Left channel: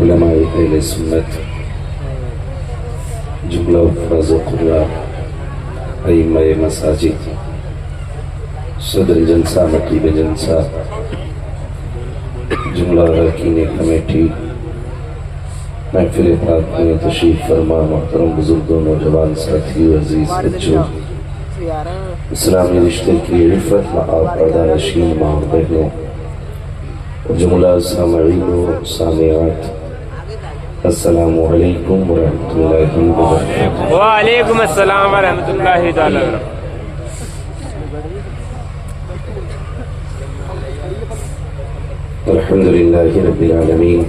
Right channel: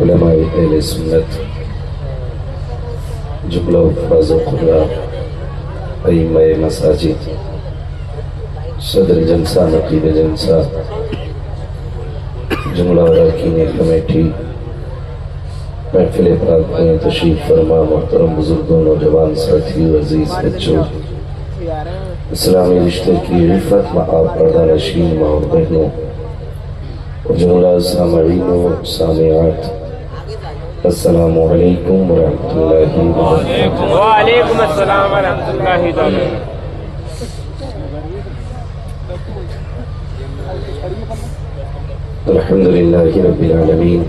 علماء اہل سنت، جملہ حفاظ قرآ، ائمہ مساجد، صدر جلسہ، نقیب جلسہ، جملہ اراکین کمیٹی، محفل پاک میں تشریف فرما محترم بزرگوں، نوجوان ساتھیوں، عزیز بچوں، اسلامی رشتے کی عفت مآب پردہ ماں و بہنوں، جملہ سامعین و سامعات، السلام علیکم ورحمۃ اللہ وبرکاتہ۔ وعلیکم السلام ورحمۃ اللہ تعالی۔ الحمد للہ رب العالمین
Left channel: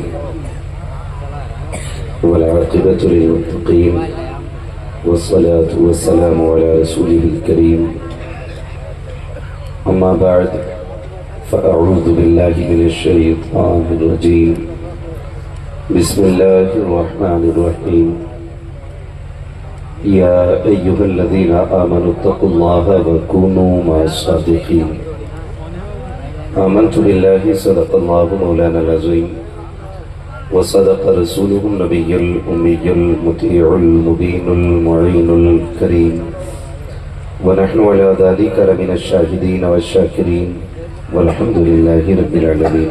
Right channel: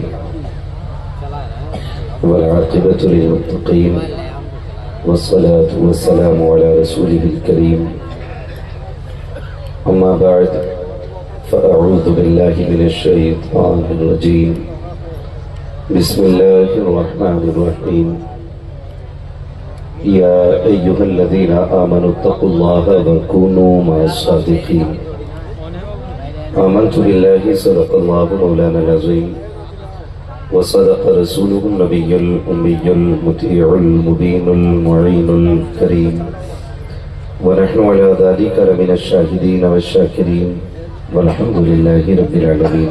والعاقبۃ للمتقین والصلاة والسلام علی رسولہ الکریم، اما بعد فاعوذ باللہ من الشیطان الرجیم، بسم اللہ الرحمن الرحیم، یا ایہا الذین آمنوا اتقوا اللہ وکونوا مع الصادقین۔ آمنت باللہ صدق اللہ مولانا العظیم وصدق رسولہ النبی الأمی المطیع المبین المعین الکریم، ونحن علی ذلک لمن الشاہدین والشاکرین والحمد للہ رب العالمین۔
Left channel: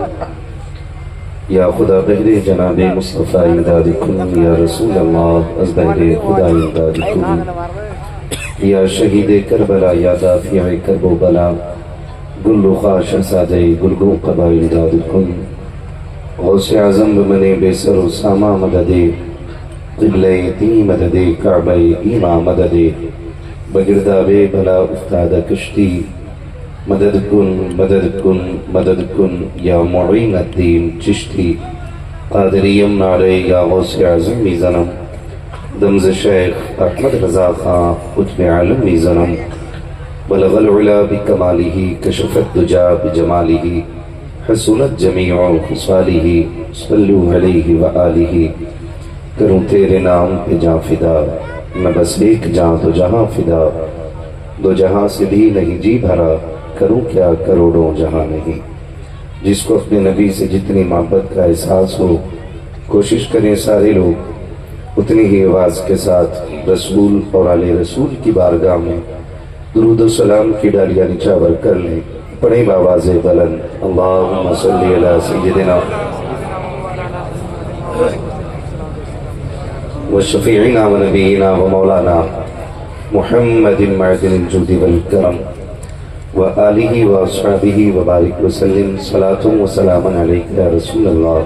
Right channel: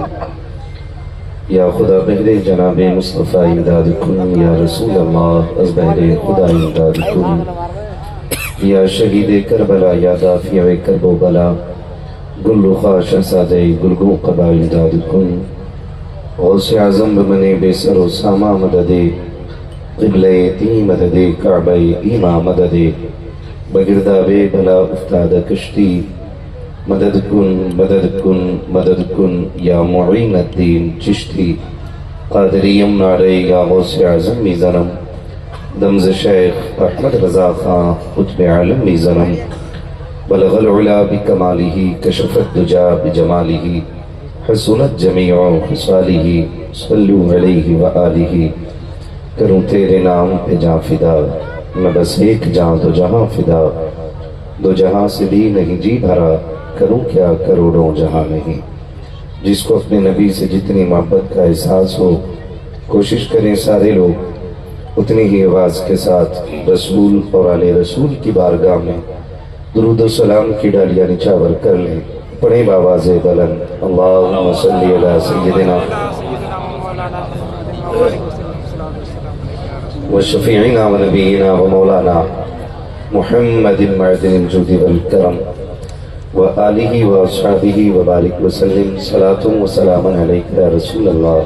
یا خدا بہر جناب مصطفیٰ امداد کن، یا رسول اللہ از بہر خدا امداد کن، یا شہید کربلا، یا دافع کرب و بلا، گل خواہ شہزادہ گلگوں قبا امداد کن، غوث اعظم بمن بے سر و ساما مدد، قبلہ تی مدد، کعبہ ایما مدد، بگرداب بلا افتاد کشتی، مدد کن مدد کن مدد کن، یا معین الدین چشتی، قادریم نعرے یا غوث اعظم می زنم، دمز شیخ احمد رضا خان قطب عالم می زنم، بلغ العلا بکمالہ، کشف الدجا بجمالہ، حسنت جمیع خصالہ، صلو علیہ وآلہ۔ کروں تیرے نام پہ جاں فدا، نہ بس ایک جاں دو جہاں فدا، دو جہاں سے بھی نہیں جی بھرا، کروں کیا کروڑوں جہاں نہیں۔ جس کو اپنے نبی سے جتنی محبت کا احساس ہو، کوشش کریں سارے لوگ اتنی ہی آواز کے ساتھ رسول اور آل رسول کی بارگاہ میں درود و سلام کی ڈالیاں نچھاور کر لیں، پڑھیں بآواز بلند، اللہم صلی علی سیدنا وشفیعنا و نبینا و مولانا محمد معدن الجود والکرم وآلہ واصحابہ وبارک وسلم، صلاۃ و سلام علیک یا رسول اللہ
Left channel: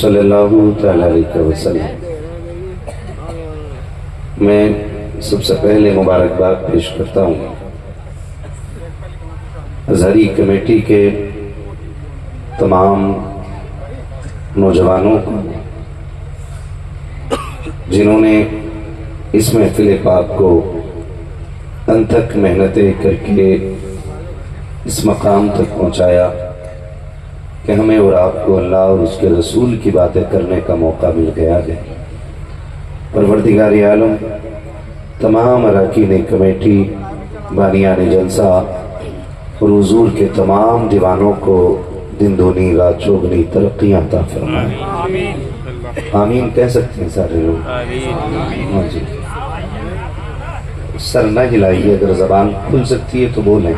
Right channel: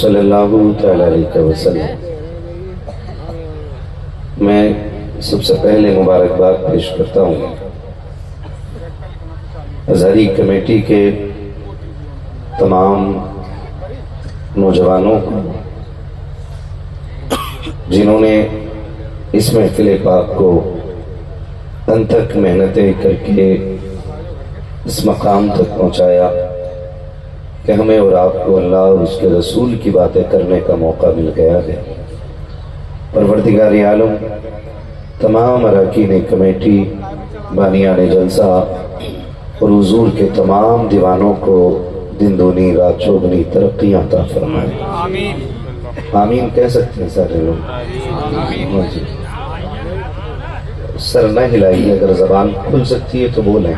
صلی اللہ تعالی علیہ وسلم۔ میں سب سے پہلے مبارکباد پیش کرتا ہوں ازہری کمیٹی کے تمام نوجوانوں کو، جنہوں نے اس محفل پاک کو انتھک محنتیں کر کے اس مقام تک پہنچایا کہ ہمیں اور آپ کو اللہ اور اس کے رسول کی باتیں کرنے کا موقع مل گیا ہے۔ پروردگار عالم تمام اراکین کمیٹی، بانیان جلسہ اور حضور کے تمام دیوانوں کو دن دونی رات چوگنی ترقیاں عطا فرمائے۔ آمین کہہ سکتے ہیں سارے لوگ؟ ہاں جی، سر نہ ہلائیے، اگر زبان کھل سکتی ہے تو بولیں۔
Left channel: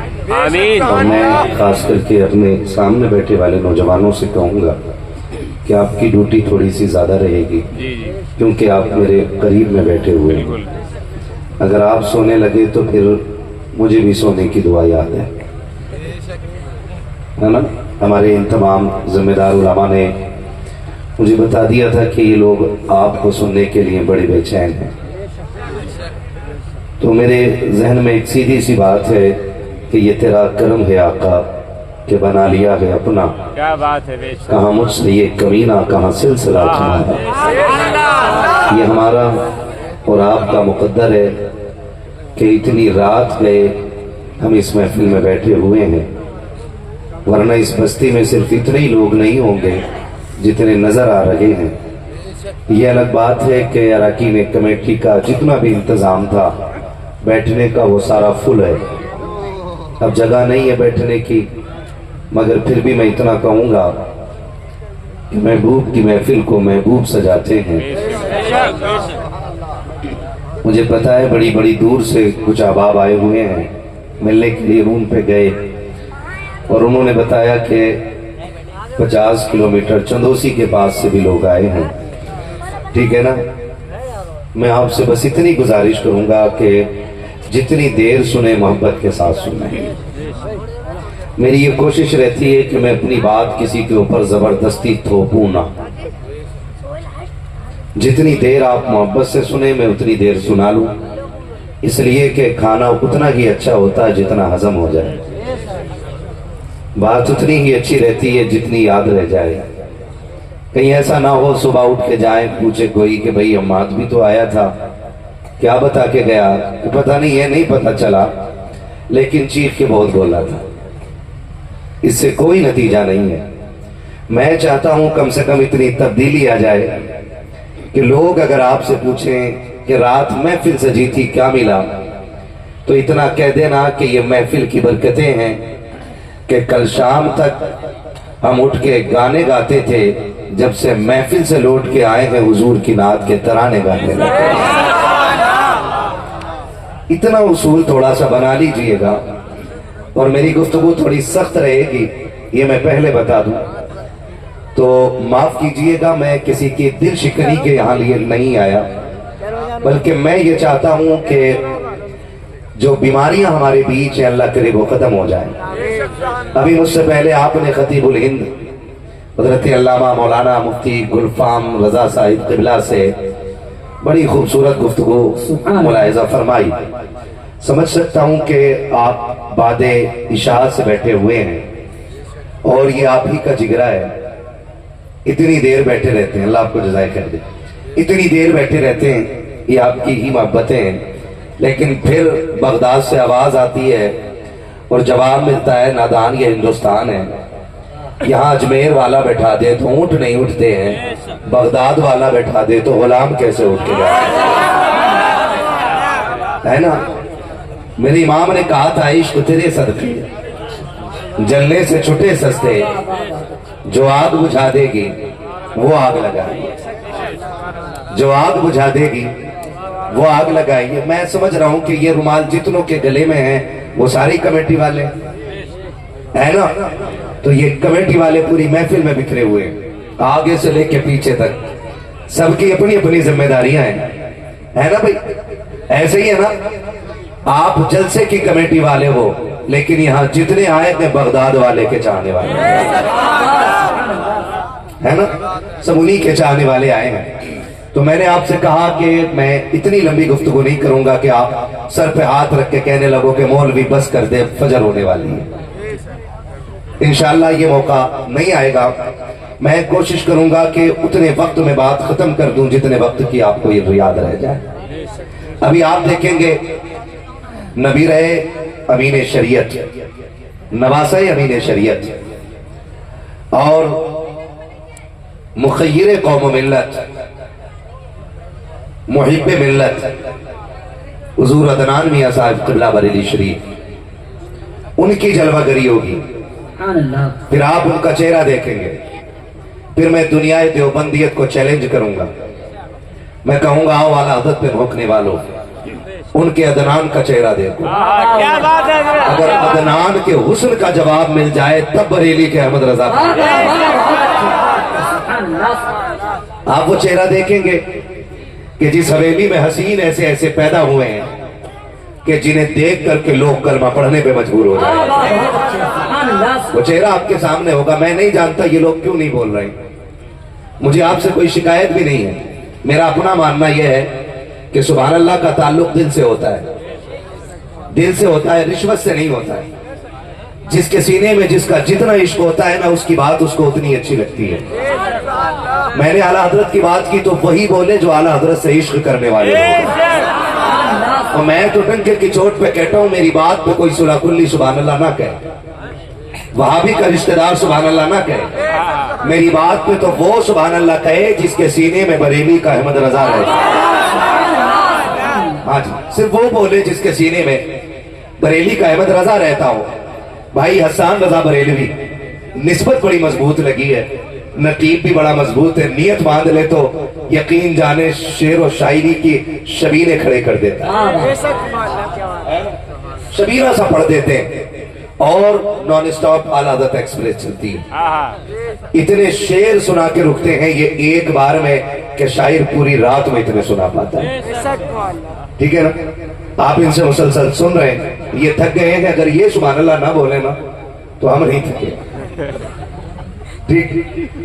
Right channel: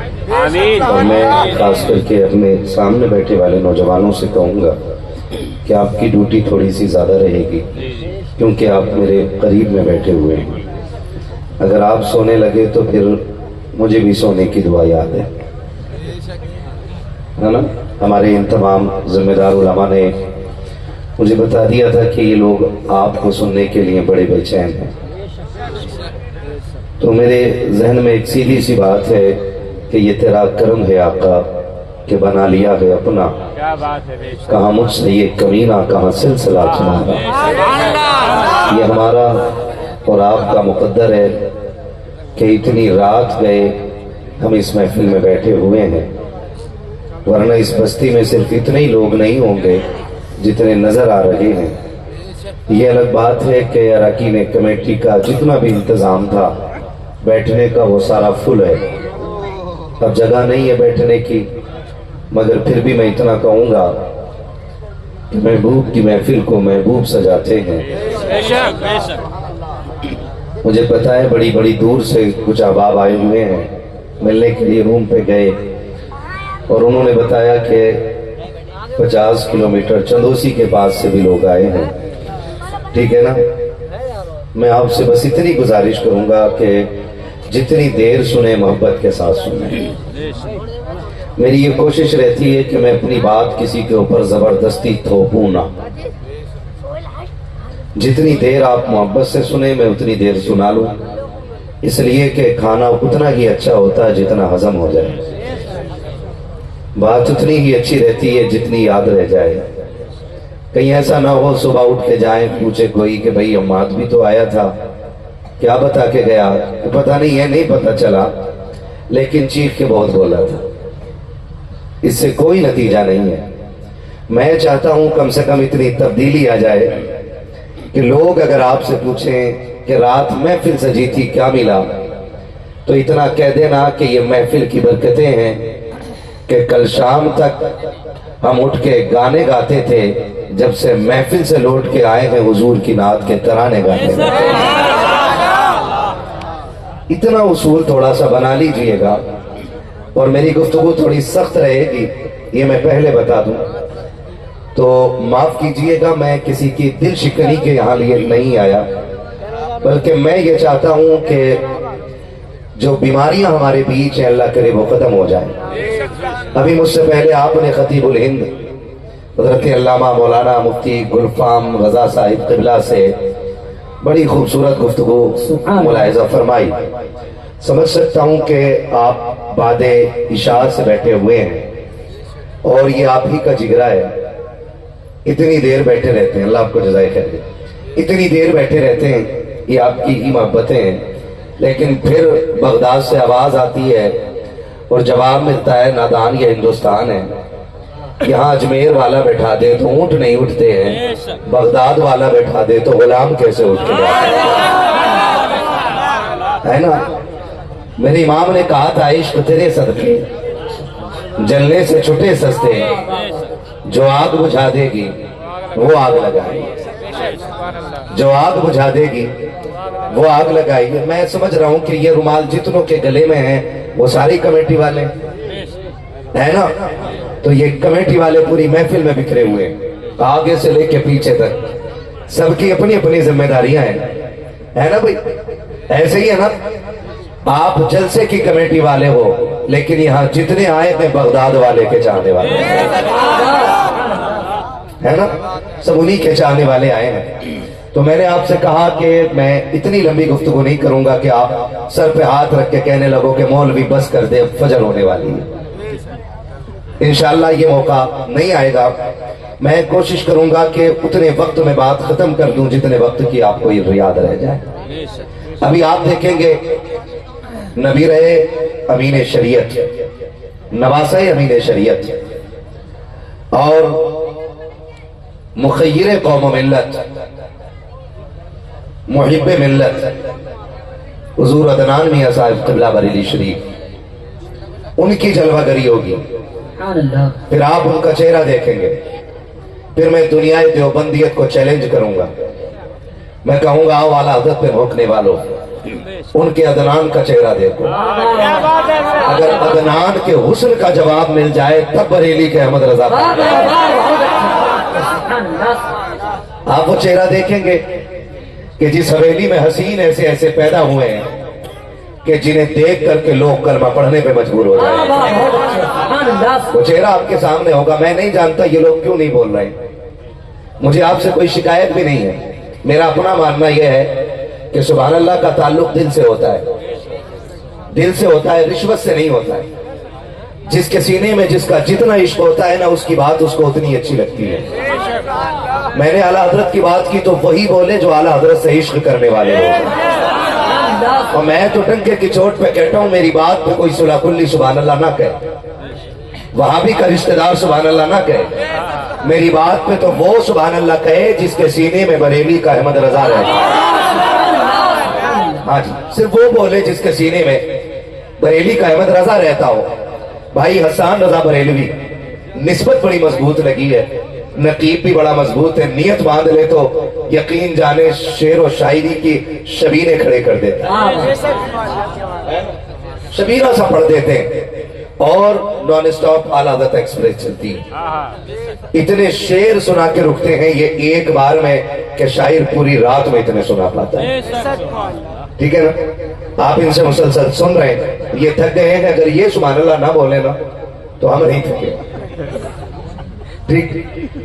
اور میں خاص کر کے اپنے سامنے بیٹھے والے نوجوانوں سے کہوں گا کہ آپ کی ڈیوٹی تھوڑی سی زیادہ رہے گی، کیونکہ آپ میرے قریب میں بیٹھے ہوئے ہیں۔ اگر آپ سونے لگے تو پھر مجھے بھی سونے کی دعا یاد ہے نا۔ ہمارے ان تمام ذمہ دار علماء نے مجھے بتا دیا تھا کہ یہ لوگ آپ کو سننے کے لیے بڑے بے چین ہیں، تو میرے ذہن میں ایک سیدھی سی بات ہے کہ یہ تیرا کرم ہے آقا کہ بنا لیا ہے اپنا، کہاں مجھ سے یہ کمینہ، کہاں سلسلہ تمہارا۔ یہ ہمارا اور آپ کا مقدر ہے کہ اتنی رات گئے ہم اس محفل میں بیٹھے ہوئے ہیں، ورنہ اس بستی میں صرف اتنے ہی لوگ نہیں ہوں گے جتنے نظر آ رہے ہیں۔ یہ الگ بات ہے کہ اراکین کمیٹی کا جتنا بھی انتظام تھا بیٹھنے کا وہ سارا فل ہے، اب جگہ نہیں ہے بیٹھنے کی، مگر پھر بھی میں اتنا کہوں گا کہ محبوب کی محفل کو محبوب سجاتے ہیں. مجھے پتا ہے بڑی بڑی دور سے کچھ احباب آئے ہوئے ہیں, ملنے کے لیے روم پہ گئے اور انہوں نے بتایا کہ 50 کلومیٹر چندوسی کے پاس سے بھی لوگ آئے ہیں. ٹھیک ہے نا, میں آپ سے بس اتنی گزارش کروں گا کہ جتنی دیر سنیں محبت کے ساتھ سنیں. میری یہ کوشش رہتی ہے کہ میں اپنی بات کسی کے اوپر زبردستی تھوپوں نہ. جتنی دیر آپ محبت سے سنیں میں اتنی دیر سنا لوں, اس لیے کہ کھانا اتنا ہی اچھا ہوتا ہے جتنا ہضم ہو جائے. بات اتنی ہی اچھی رہتی ہے جتنی یاد رہ جائے. کہیں ایسا نہ ہو صبح اٹھ کے جائیں پوچھے کوئی کہ بھئی عماد بھی تو آیا تھا, کیا بتا کے گیا؟ پتہ نہیں ہے, نہیں پتہ چلا, لیکن چیخ کے بہت بولا تھا. اس سے کوئی نتیجہ نہیں ہے. میں چاہتا ہوں کم سے کم اتنی تبدیلی آ جائے کہ لوگ اگر آپ سے پوچھیں کہ رات محفل سجی تھی کیا ملا, تو اتنا کہہ دینا کہ یہ محفل کی برکتیں ہیں کہ کل شام تک ہم اٹھ کے گانے گاتے تھے, جب سے محفل سے لوٹ کے آئے ہیں حضور کی نعت کے ترانے گاتے ہیں. اتنا اصول تھوڑا سا بنا لیجئے گا. اور میری گفتگو تھوڑی سخت رہے گی, یہ میں پہلے بتا دوں, تو معاف کیجئے گا. میں کسی کی دل شکنی کے یہاں لیے نہیں آیا, بلکہ میں یہ چاہتا ہوں کہ جو بیماریاں ہمارے بیچ ہیں اللہ کرے وہ ختم ہو جائیں. ابھی مجھ سے پہلے آپ نے خطیب الہند حضرت علامہ مولانا مفتی گلفام رضا صاحب قبلہ سے بڑی خوبصورت گفتگو ملاحظہ فرمائی. سمجھ سکتا ہوں کہ آپ بعد عشاء سے بیٹھے ہوئے ہیں اور یہ آپ ہی کا جگرہ ہے. اتنی دیر بیٹھے رہتے ہیں, اللہ آپ کو جزائے خیر دے, اتنی دیر بیٹھے رہتے ہیں, یہ آپ کی ہی محبتیں ہیں. لیکن پھر بغداد سے آواز آتی ہے اور جواب ملتا ہے نادان یہ ہندوستان ہے. یہاں اجمیر والا بیٹھا دے تو اونٹ نہیں اٹھتے ہیں, بغداد والا بیٹھا دے تو غلام کیسے اٹھ کے جاتے ہے نا. میرے امام نے کہا تھا عشق تیرے صدقے جلنے سے چھٹے سستے, جو آگ بجھا دے گی وہ آگ لگائے, جو آگ بجھا دے گی وہ آگ لگائیے. میں سمجھ رہا ہوں کہ یہ رومال جتنوں کے گلے میں ہیں وہ ساری کمیٹی والے ہیں نا, تو یہ کمیٹی والے پوری محفل میں بکھرے ہوئے ہیں, آگے سے لے کے پیچھے تک سب کی اپنی اپنی ذمہ داریاں ہیں, ہے نا بھائی. ایسے ہی ہے نا, آپ جلسے کی کمیٹی والے ہو لیکن یہاں جتنے آئے ہیں بغداد والے کے چاہنے والے ہے نا, سب انہی کے چاہنے والے آئے ہیں. تو میں نے آپ سے کہا کہ میں اتنی لمبی گفتگو نہیں کروں گا کہ آپ سر پہ ہاتھ رکھ کے کہنے لگو کہ مولوی بس کر دے فجر ہونے والی ہے. انشاءاللہ یہ موقع نہیں آئے گا. میں کوشش کروں گا کہ اتنے وقت میں بات ختم کر دوں جتنے وقت کی آپ کو یہ یاد رہ جائے. ابھی آپ دیکھیں گے نبی رہے امین شریعت, نواسہ امین شریعت, اور مخیر قوم و ملت, محب ملت حضور عدنان میاں صاحب قبلہ بریلی شریف, ان کی جلوہ گری ہوگی. پھر آپ ان کا چہرہ دیکھیں گے. پھر میں دنیا دیوبندیت کو چیلنج کروں گا. میں کہوں گا آؤ اعلیٰ حضرت پہ بھونکنے والوں, ان کے عدنان کا چہرہ دیکھو. اگر عدنان کے حسن کا جواب مل جائے تب بریلی کے احمد رضا آپ وہ چہرہ دیکھیں گے کہ جس حویلی میں حسین ایسے ایسے پیدا ہوئے ہیں کہ جنہیں دیکھ کر کے لوگ کلمہ پڑھنے پہ مجبور ہو جائیں. وہ چہرہ آپ کے سامنے ہوگا. میں نہیں جانتا یہ لوگ کیوں نہیں بول رہے, مجھے آپ سے کوئی شکایت بھی نہیں ہے. میرا اپنا ماننا یہ ہے کہ سبحان اللہ کا تعلق دل سے ہوتا ہے, دل سے ہوتا ہے, رشوت سے نہیں ہوتا ہے. جس کے سینے میں جس کا جتنا عشق ہوتا ہے نا اس کی بات اس کو اتنی اچھی لگتی ہے. میں نے اعلیٰ حضرت کی بات کی تو وہی بولے جو اعلیٰ حضرت سے عشق کرنے والے لوگ. اور میں تو ٹنکے کی چوٹ پہ کہتا ہوں میری بات پہ کوئی صلح کلی سبحان اللہ نہ کہے, وہابی کا رشتہ دار سبحان اللہ نہ کہے. میری بات پہ تو وہ سبحان اللہ کہے جس کے سینے میں بریلی کا احمد رضا رہتا ہے. ہاں جی, صرف وہ بولے جس کے سینے میں بریلی کا احمد رضا رہتا ہو. بھائی حسان رضا بریلوی نسبت بڑی مضبوط لگی ہے, نقیب بھی بڑا مضبوط ہے، نیت باندھ لے تو یقین جانے شعر و شاعری کی شبیریں کھڑے کر دیتا ہے، شبیرہ سا پڑھ دیتے ہیں، اور نان اسٹاپ اعلیٰ حضرت ایکسپریس چلتی ہے، اتنے شعر سنا کے رکتے ہیں یہ ایک بار میں کہ شاعر پوری رات میں اتنے سنا پاتا ہے، ٹھیک ہے نا؟ آپ ان سے مسلسل سن رہے ہیں، یہ تھک گئے ہیں، اگر یہ سبحان اللہ نہ بولے نا تو ہم نہیں تھکے، ٹھیک؟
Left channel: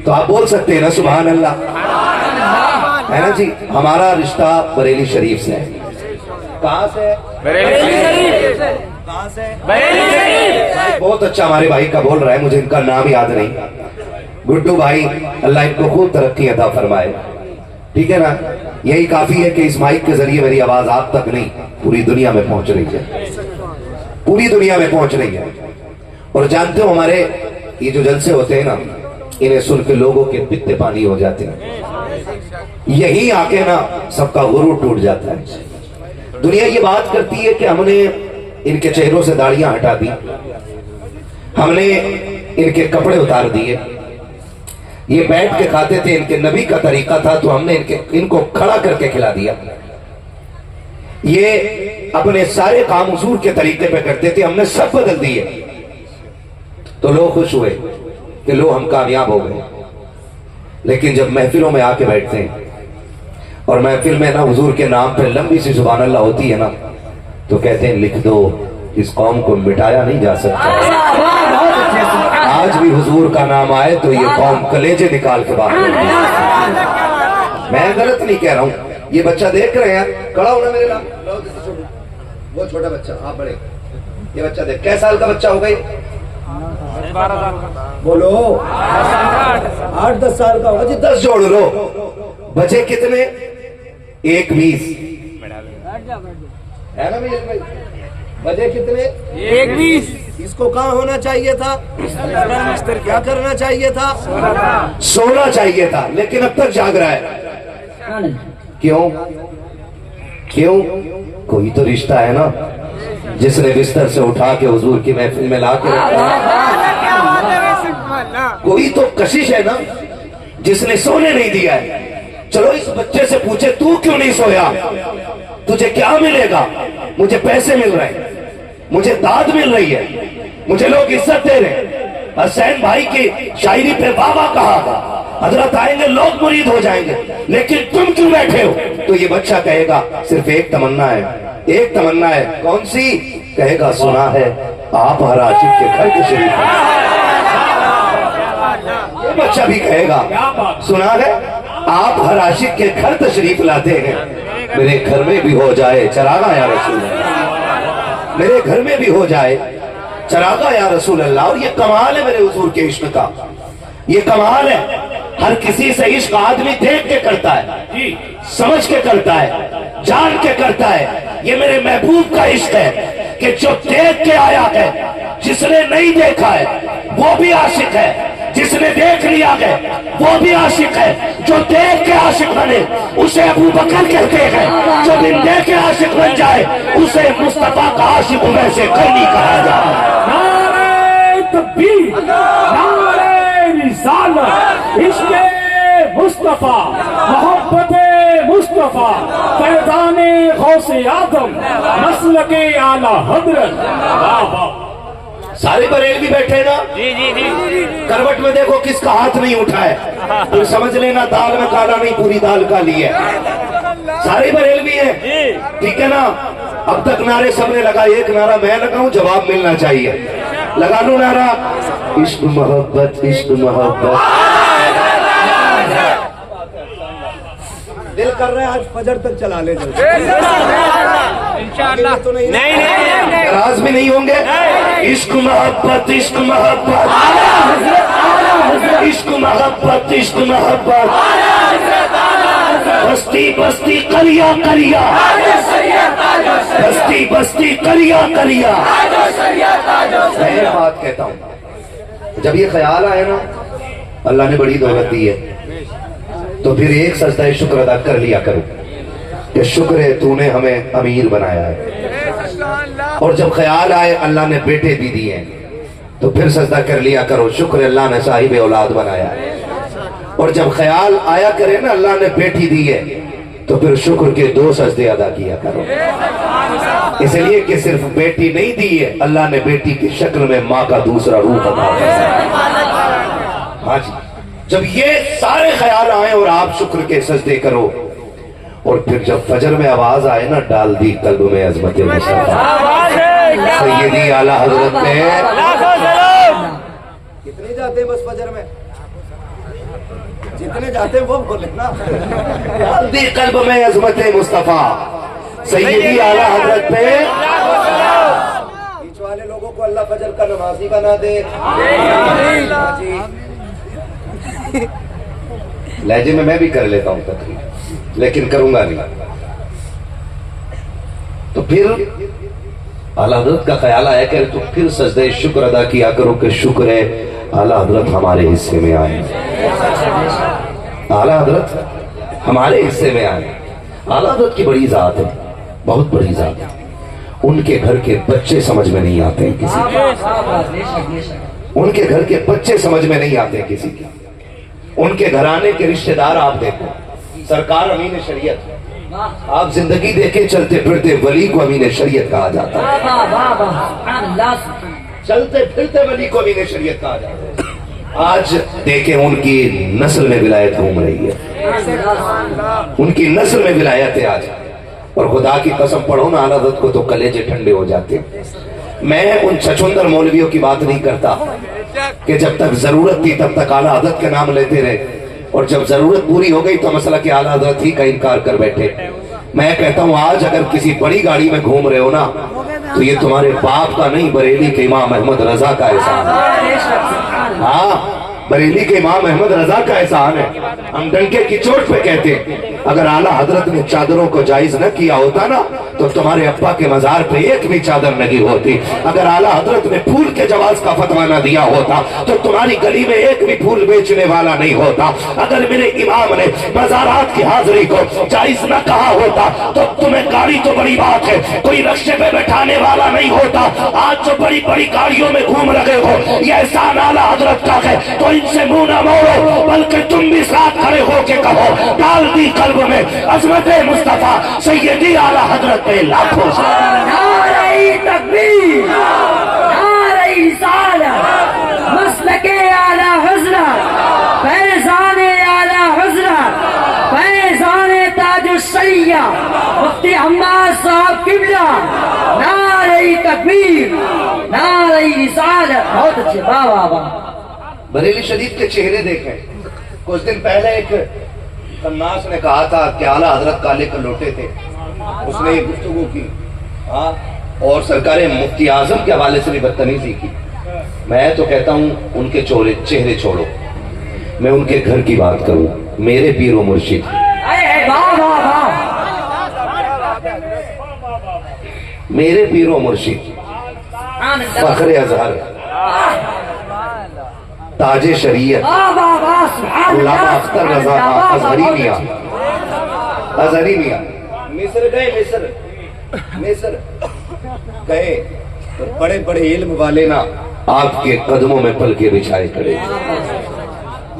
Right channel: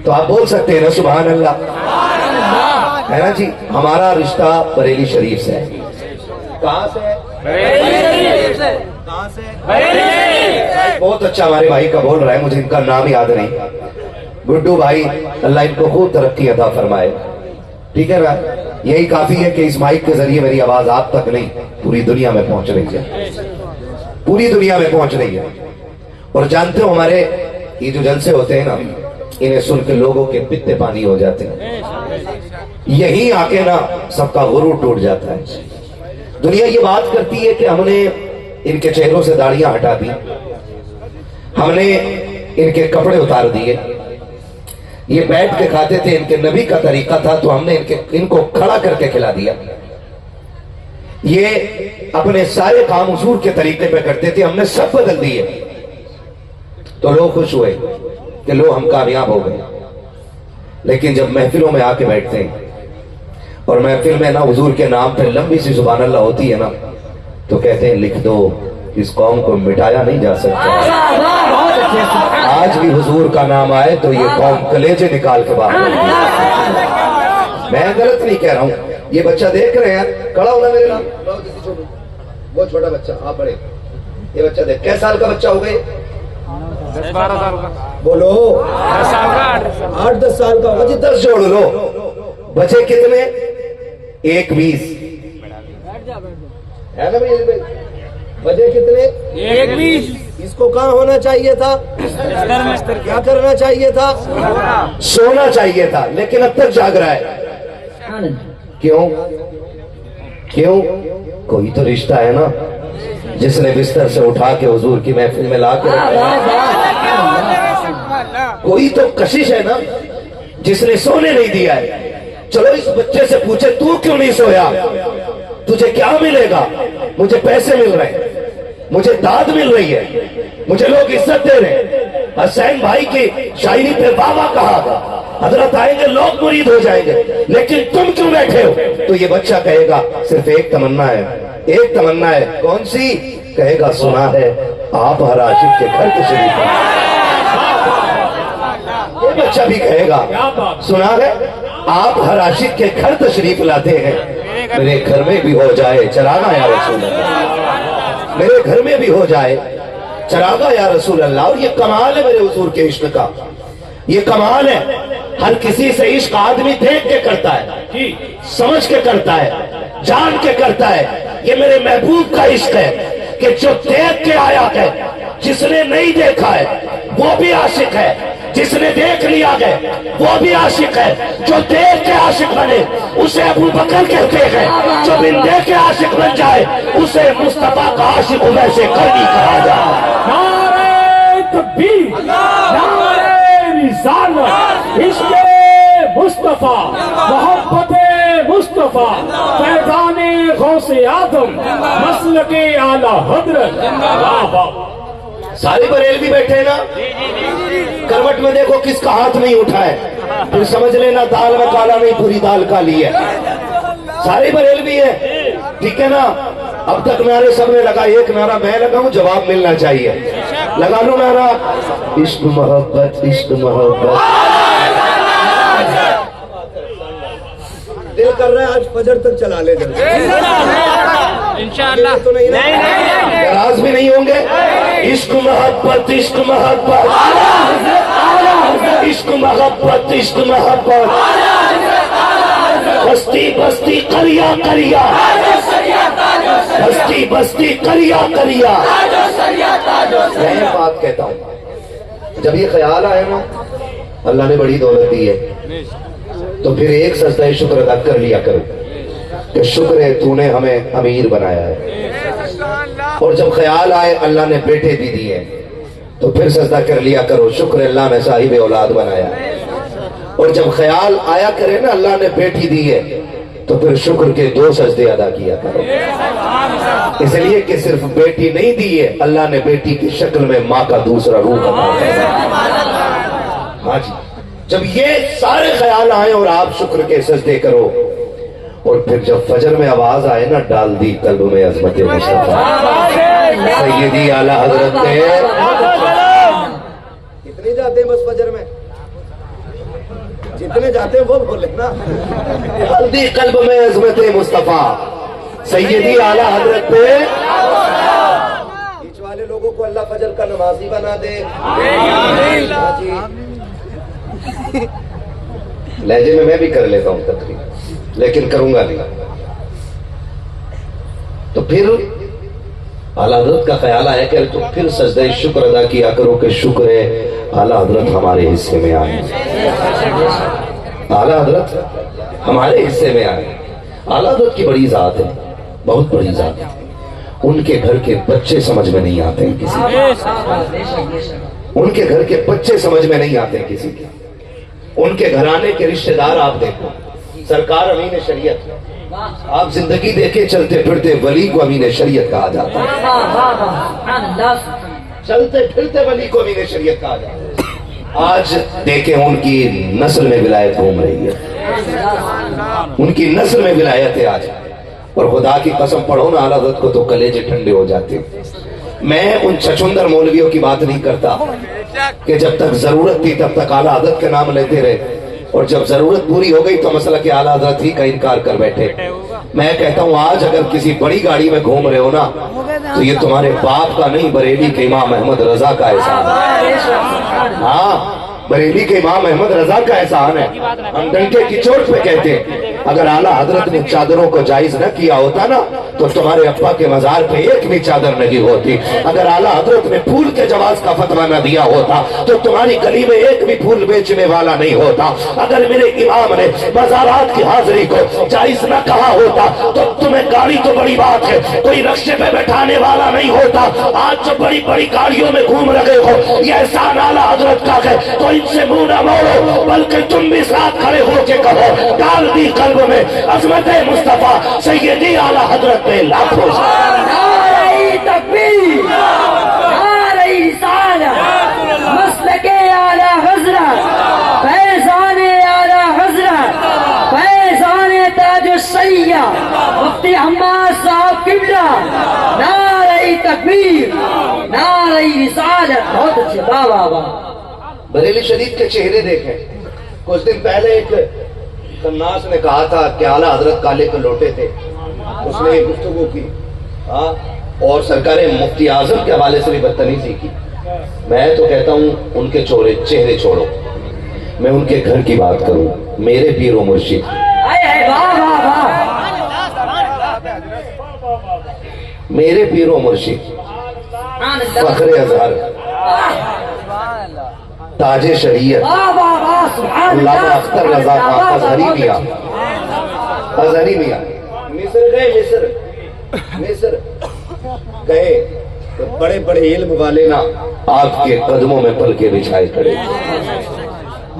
تو آپ بول سکتے ہیں نا سبحان اللہ، ہے نا جی؟ ہمارا رشتہ بریلی شریف سے ہے، کہاں سے ہے؟ بہت اچھا ہمارے بھائی کا بول رہا ہے، مجھے ان کا نام یاد نہیں، گڈو بھائی، اللہ ان کو خوب ترقی عطا فرمائے، ٹھیک ہے نا؟ یہی کافی ہے کہ اس مائک کے ذریعے میری آواز آپ تک نہیں پوری دنیا میں پہنچ رہی ہے، پوری دنیا میں پہنچ رہی ہے۔ اور جانتے ہو ہمارے یہ جو جلسے ہوتے ہیں نا، انہیں سن کے لوگوں کے پتے پانی ہو جاتے ہیں، یہی آ کے نا سب کا غرور ٹوٹ جاتا ہے۔ دنیا یہ بات کرتی ہے کہ ہم نے ان کے چہروں سے داڑیاں ہٹا دی، ہم نے ان کے کپڑے اتار دیے، یہ بیٹھ کے کھاتے تھے، ان کے نبی کا طریقہ تھا تو ہم نے ان کو کھڑا کر کے کھلا دیا، یہ اپنے سارے کام حضور کے طریقے پہ کرتے تھے، ہم نے سب بدل دیے، تو لوگ خوش ہوئے کہ لو ہم کامیاب ہو گئے۔ لیکن جب محفلوں میں آ کے بیٹھتے ہیں اور محفل میں نا حضور کے نام پہ لمبی سی سبحان اللہ ہوتی ہے نا، تو کہتے ہیں لکھ دو اس قوم کو مٹایا نہیں جا سکتا، آج بھی حضور کا نام آئے تو یہ قوم کلیجے نکال کے باہر ہوتی ہے۔ میں غلط نہیں کہہ رہا ہوں، یہ بچہ دیکھ رہے ہیں، کھڑا ہونا میرے نام، وہ چھوٹا بچہ، آپ بڑے، یہ بچہ دیکھ، کئے سال کا بچہ ہوگا یہ؟ بولو 8-10 سال کا ہوگا جی، 10 جوڑ لو، بچے کتنے؟ 1-20 ہے نا بھائی؟ بچے کتنے؟ 1-20۔ اس کو کہاں ہونا چاہیے تھا؟ کیا کرنا چاہیے تھا؟ سونا چاہیے تھا، لیکن اب تک جاگ رہا ہے، کیوں؟ کیوں؟ کوئی تو رشتہ ہے نا جس نے بستر سے اٹھا کے حضور کی محفل میں لا کے رکھا، کوئی تو کشش ہے نا جس نے سونے نہیں دیا ہے۔ چلو اس بچے سے پوچھے تو کیوں نہیں سویا، تجھے کیا ملے گا؟ مجھے پیسے مل رہے ہیں، مجھے داد مل رہی ہے، مجھے لوگ عزت دے رہے ہیں، حسین بھائی کی شاعری پہ واہ واہ کہا گا، حضرت آئیں گے لوگ مرید ہو جائیں گے، لیکن تم کیوں بیٹھے ہو؟ تو یہ بچہ کہے گا صرف ایک تمنا ہے، ایک تمنا ہے، کون سی؟ کہے گا سنا ہے آپ ہر عاشق کے گھر تشریف لائے۔ یہ بچہ بھی کہے گا سنا ہے آپ ہر عاشق کے گھر تشریف لاتے ہیں، میرے گھر میں بھی ہو جائے چراغا یا رسول اللہ، میرے گھر میں بھی ہو جائے چراغا یا رسول اللہ۔ اور یہ کمال ہے میرے حضور کے عشق کا، یہ کمال ہے، ہر کسی سے عشق آدمی دیکھ کے کرتا ہے، سمجھ کے کرتا ہے، جان کے کرتا ہے، یہ میرے محبوب کا عشق ہے کہ جو دیکھ کے آیا ہے، جس نے نہیں دیکھا ہے وہ بھی عاشق ہے، جس نے دیکھ لیا ہے وہ بھی عاشق ہے، جو دیکھ کے عاشق بنے اسے ابو بکر کہتے ہیں، جو بن دیکھ کے عاشق بن جائے اسے مصطفیٰ کا عاشق ویسے کرنی کہا جائے۔ نعرہ تکبیر، نعرہ رسالت، عشق مصطفیٰ، محبت مصطفیٰ، فیضان غوث آدم، مسلک اعلی حضرت، واہ واہ۔ سارے بریلوی بیٹھے نا، کروٹ میں دیکھو کس کا ہاتھ نہیں اٹھا ہے، پھر سمجھ لینا دال میں کالا نہیں پوری دال کالی ہے، سارے بریلوی ہیں، ٹھیک ہے نا؟ اب تک نعرے سب نے لگا، ایک نعرہ میں لگاؤں، جواب ملنا چاہیے، لگا لوں نعرہ، عشق محبت عشق محبت۔ دل کر رہا ہے آج فجر تک چلا لے جلدی، انشاءاللہ تو نہیں، ناراض بھی نہیں ہوں گے۔ عشق محبت عشق محبت، عشق محبت عشق محبت، بستی بستی کریا کریا، بستی بستی کریا کریا۔ میں ایک بات کہتا ہوں، جب یہ خیال آئے نا اللہ نے بڑی دولت دی ہے تو پھر ایک سجدہ شکر ادا کر لیا کرو کہ شکر ہے تو نے ہمیں امیر بنایا ہے، اور جب خیال آئے اللہ نے بیٹے بھی دیے تو پھر سجدہ کر لیا کرو، شکر اللہ نے صاحب اولاد بنایا ہے۔ اور جب خیال آیا کرے نا اللہ نے بیٹی دی ہے تو پھر شکر کے 2 سجدے ادا کیا کرو، اس لیے کہ صرف بیٹی نہیں دی ہے، اللہ نے بیٹی کی شکل میں ماں کا دوسرا روح عطا کیا۔ ہاں جی، جب یہ سارے خیال آئیں اور آپ شکر کے سجدے کرو، اور پھر جب فجر میں آواز آئے نا ڈال دی قلب میں عظمت مصطفیٰ، سیدی اعلیٰ حضرت نے کتنی جاتے ہیں بس فجر میں؟ جتنے جاتے ہیں وہ بولے نا۔ ڈال دی قلب میں عظمت مصطفیٰ، سیدی اعلیٰ حضرت نے بیچ والے لوگوں کو اللہ فجر کا نمازی بنا دے۔ لہجے میں بھی کر لیتا ہوں تقریر، لیکن کروں گا نہیں۔ تو پھر اعلیٰ حضرت کا خیال آیا کہ تو پھر سجدہ شکر ادا کیا کرو کہ شکر ہے اعلیٰ حضرت ہمارے حصے میں آئے، اعلیٰ حضرت ہمارے حصے میں آئے۔ اعلیٰ حضرت کی بڑی ذات ہے، بہت بڑی ذات ہے، ان کے گھر کے بچے سمجھ میں نہیں آتے کسی کے، ان کے گھر کے بچے سمجھ میں نہیں آتے کسی کے، ان کے گھرانے کے رشتہ دار آپ دیکھو، سرکار امین شریعت، آپ زندگی دیکھے چلتے پھرتے ولی کو امین شریعت کہا جاتا ہے، چلتے پھرتے ولی کو امین شریعت کہا جاتا ہے۔ آج دیکھیں ان کی نسل میں ولایت گھوم رہی ہے، ان کی نسل میں ولایت ہے آج، اور خدا کی قسم پڑھو نا اعلیٰ حضرت کو تو کلیجے ٹھنڈے ہو جاتے۔ میں ان چھچندر مولویوں کی بات نہیں کرتا کہ جب تک ضرورت تھی تب تک اعلیٰ حضرت کے نام لیتے رہے، اور جب ضرورت پوری ہو گئی تو مسئلہ کہ اعلیٰ حضرت ہی کا انکار کر بیٹھے۔ میں کہتا ہوں آج اگر کسی بڑی گاڑی میں گھوم رہے ہو نا تو یہ تمہارے باپ کا نہیں، بریلی کے امام احمد رضا کا احسان ہے۔ ہاں، بریلی کے امام احمد رضا کا احسان ہے۔ ہم ڈنکے کی چوٹ پہ کہتے ہیں اگر اعلیٰ حضرت نے چادروں کو جائز نہ کیا ہوتا نا تو تمہارے ابا کے مزار پہ ایک بھی چادر نہیں ہوتی، اگر اعلیٰ حضرت نے پھول کے جواز کا فتویٰ نہ دیا ہوتا تو تمہاری گلی میں ایک بھی پھول بیچنے والا نہیں ہوتا، اگر میرے امام نے مزارات کی حاضری کو جائز نہ کہا ہوتا تو تمہیں گاڑی تو بڑی بات ہے، کوئی رکشے پہ بیٹھانے والا نہیں ہوتا۔ آج جو بڑی بڑی گاڑیوں میں گھوم رہے ہو یہ احسان اعلیٰ حضرت کا ہے، تو ان سے منہ نہ موڑو بلکہ تم بھی ساتھ کھڑے ہو کے کہو ڈال دی قلب میں عظمت مصطفیٰ، سیدی اعلیٰ حضرت پہ لاکھوں نعرہ تکبیر، نعرہ رسالت، مسلک اعلیٰ حضرت، فیضان اعلیٰ حضرت، فیضان تاج الشریعہ مفتی عمار صاحب قبلہ، نعرہ تکبیر، نعرہ رسالت۔ بہت اچھے، واہ واہ واہ۔ بریلی شریف کے چہرے دیکھیں، کچھ دن پہلے ایک قناص نے کہا تھا کہ اعلیٰ حضرت کالے کلوٹے تھے، اس نے یہ گفتگو کی، ہاں، اور سرکار مفتی اعظم کے حوالے سے بھی بدتمیزی کی۔ میں تو کہتا ہوں ان کے چہرے چھوڑو، میں ان کے گھر کی بات کروں، میرے پیر و مرشد، میرے پیر و مرشد، فخر اظہر، تاج شریعت، علامہ اختر رضا خان اظہری میاں، اظہری میاں مصر گئے، مصر گئے تو بڑے بڑے علم والے نا آپ کے قدموں میں پلکیں بچھائے کھڑے،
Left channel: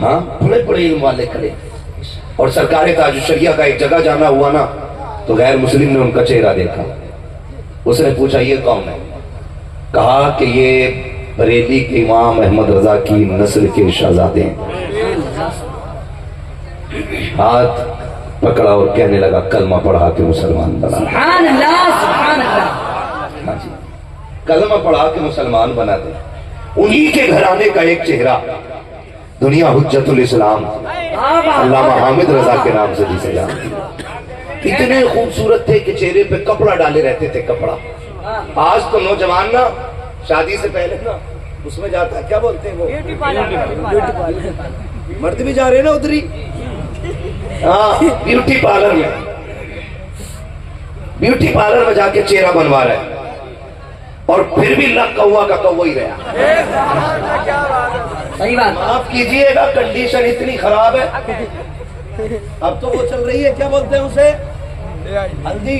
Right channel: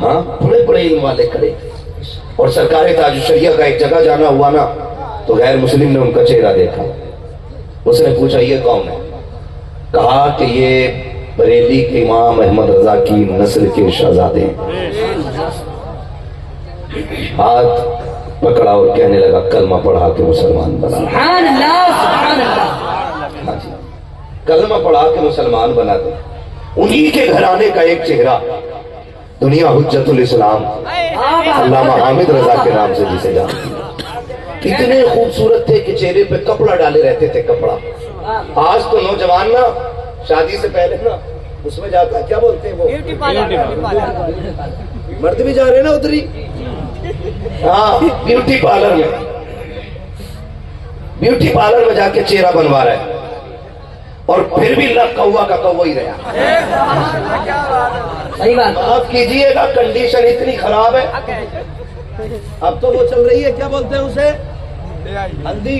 ہاں، بڑے بڑے علم والے کھڑے، اور سرکار تاج الشریعہ کا ایک جگہ جانا ہوا نا تو غیر مسلم نے ان کا چہرہ دیکھا، اس نے پوچھا یہ کون ہے؟ کہا کہ یہ بریلی کے امام احمد رضا کی نسل کے شہزادے ہیں۔ ہاتھ پکڑا اور کہنے لگا کلمہ پڑھا کے مسلمان بنا۔ سبحان اللہ، سبحان اللہ۔ کلمہ پڑھا کے مسلمان بنا دے۔ انہی کے گھرانے کا ایک چہرہ دنیا حجت الاسلام علامہ حامد رضا کے نام سے جسے جانتی، اتنے خوبصورت تھے کہ چہرے پہ کپڑا ڈالے رہتے تھے، کپڑا۔ آج تو نوجوان نا شادی سے پہلے نا اس میں جاتا ہے، کیا بولتے ہیں وہ، مرد بھی جا رہے ہیں نا ادھر ہی، ہاں، بیوٹی پارلر میں، بیوٹی پارلر میں جا کے چہرہ بنوا رہا ہے، اور پھر بھی لگ کوا کا کوا ہی رہا۔ صحیح بات۔ معاف کیجئے گا، کنڈیشن اتنی خراب ہے، اب تو وہ چل رہی ہے، کیا بولتے ہیں اسے، ہلدی،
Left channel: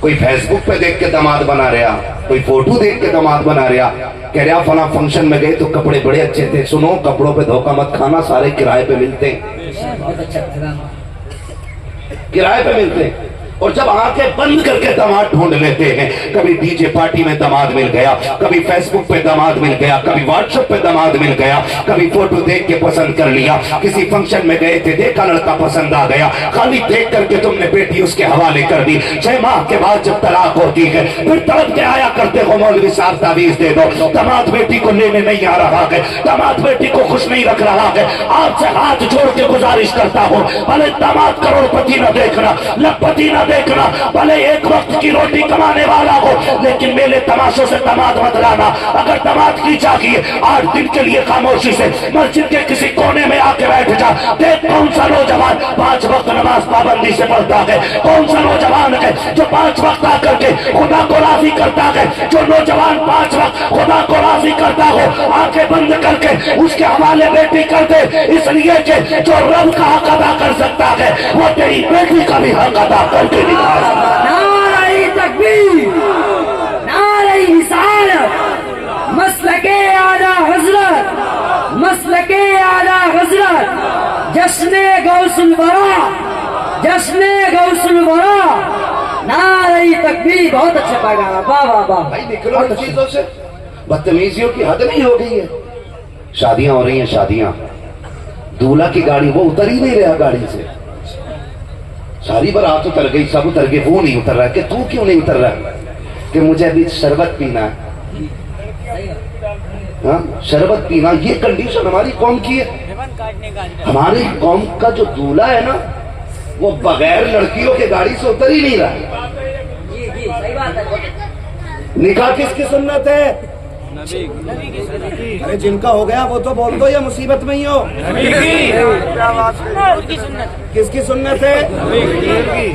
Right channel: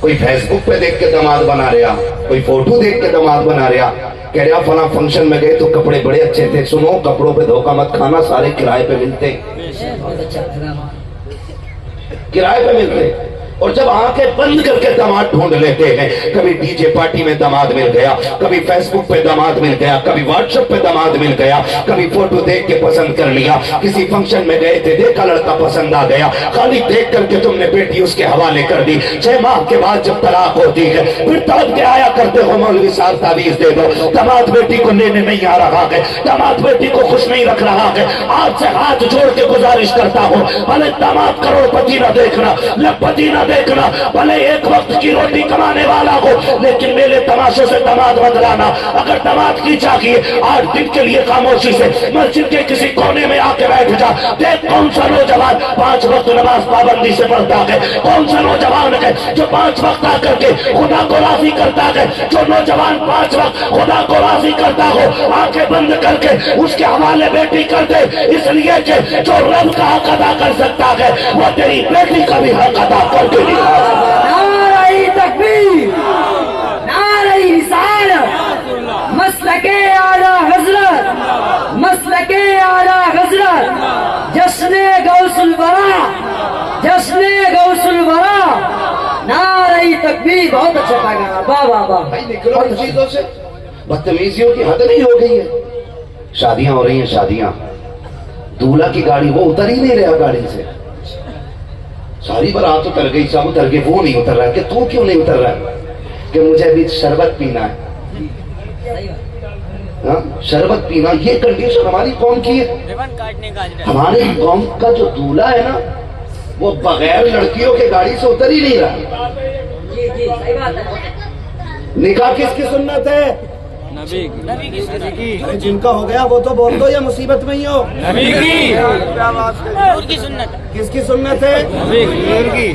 کوئی فیس بک پہ دیکھ کے داماد بنا رہا, کوئی فوٹو دیکھ کے داماد بنا رہا, کہہ رہا فلاں فنکشن میں گئے تو کپڑے بڑے اچھے تھے. سنو, کپڑوں پہ دھوکہ مت کھانا, سارے کرائے پہ ملتے, بہت اچھا پیغام. کرائے پہ ملتے. اور جب آنکھیں بند کر کے داماد ڈھونڈ لیتے ہیں, کبھی ڈی جے پارٹی میں داماد مل گیا, کبھی فیس بک پہ داماد مل گیا, کبھی واٹس ایپ پہ داماد مل گیا, کبھی فوٹو دیکھ کے پسند کر لیا, کسی فنکشن میں گئے تھے, دیکھا لڑکا پسند آ گیا, خالی دیکھ کر کے تم نے بیٹی اس کے حوالے کر دی. 6 ماہ کے بعد جب طلاق ہوتی ہے پھر تڑپ کے آیا کرتے ہو, مولوی صاحب تعویذ دے دو, داماد بیٹی کو لینے نہیں آ رہا ہے, داماد بیٹی کو خوش نہیں رکھ رہا ہے. آپ سے ہاتھ جوڑ کے گزارش کرتا ہوں, بھلے داماد کروڑ پتی نہ دیکھنا, لکھپتی نہ دیکھنا, بھلے ایک وقت کی روٹی کمانے والا ہو, لیکن میلے تماشوں سے داماد مت لانا. اگر داماد کی چاہیے 8 دن کے لیے خاموشی سے مسجد کے کسی کونے میں آ کے بیٹھ جا, دیکھ کون سا نوجوان 5 وقت نماز پابندی سے پڑھتا ہے, کون سا نوجوان ہے جو 5 وقت آ کر کے خدا کو راضی کرتا ہے. جو نوجوان 5 وقت خدا کو راضی کرتا ہو, آنکھیں بند کر کے اس کے حوالے بیٹی کر دے, اس لیے کہ جو رب کا حق ادا کر سکتا ہے وہ تیری بیٹی کا بھی حق ادا کر کے دکھا. نعرہ تکبیر, نعرہ رسالت, مسلک اعلی حضرت, مسلک اعلی حضرت, جشن غوث الورا, جشن غوث الورا. نعرہ تکبیر. بہت اچھا پیغام. واہ واہ واہ. بھائی نکلو ان چیزوں سے, بدتمیزیوں کی حد نہیں ہو گئی ہے. شادیاں ہو رہی ہیں, شادیاں, دولہا کی گاڑی وہ اتر ہی نہیں رہا گاڑی سے, ساری برات اتر گئی, سب اتر گئے, وہ نہیں اتر رہا. کہ تو کیوں نہیں اتر رہا؟ کہ مجھے ابھی شربت پینا ہے. ہاں, شربت پینا, یہ کنڈیشن ہماری قوم کی ہے. ہماری قوم کا جو دولہا ہے نا, وہ بغیر لڑکیوں کے گاڑی سے اتر ہی نہیں رہا. جی جی صحیح بات ہے. نکاح کس کی سنت ہے؟ ارے جن کا ہو گیا وہ تو بول دو, یا مصیبت میں ہی ہو. کس کی سنت ہے؟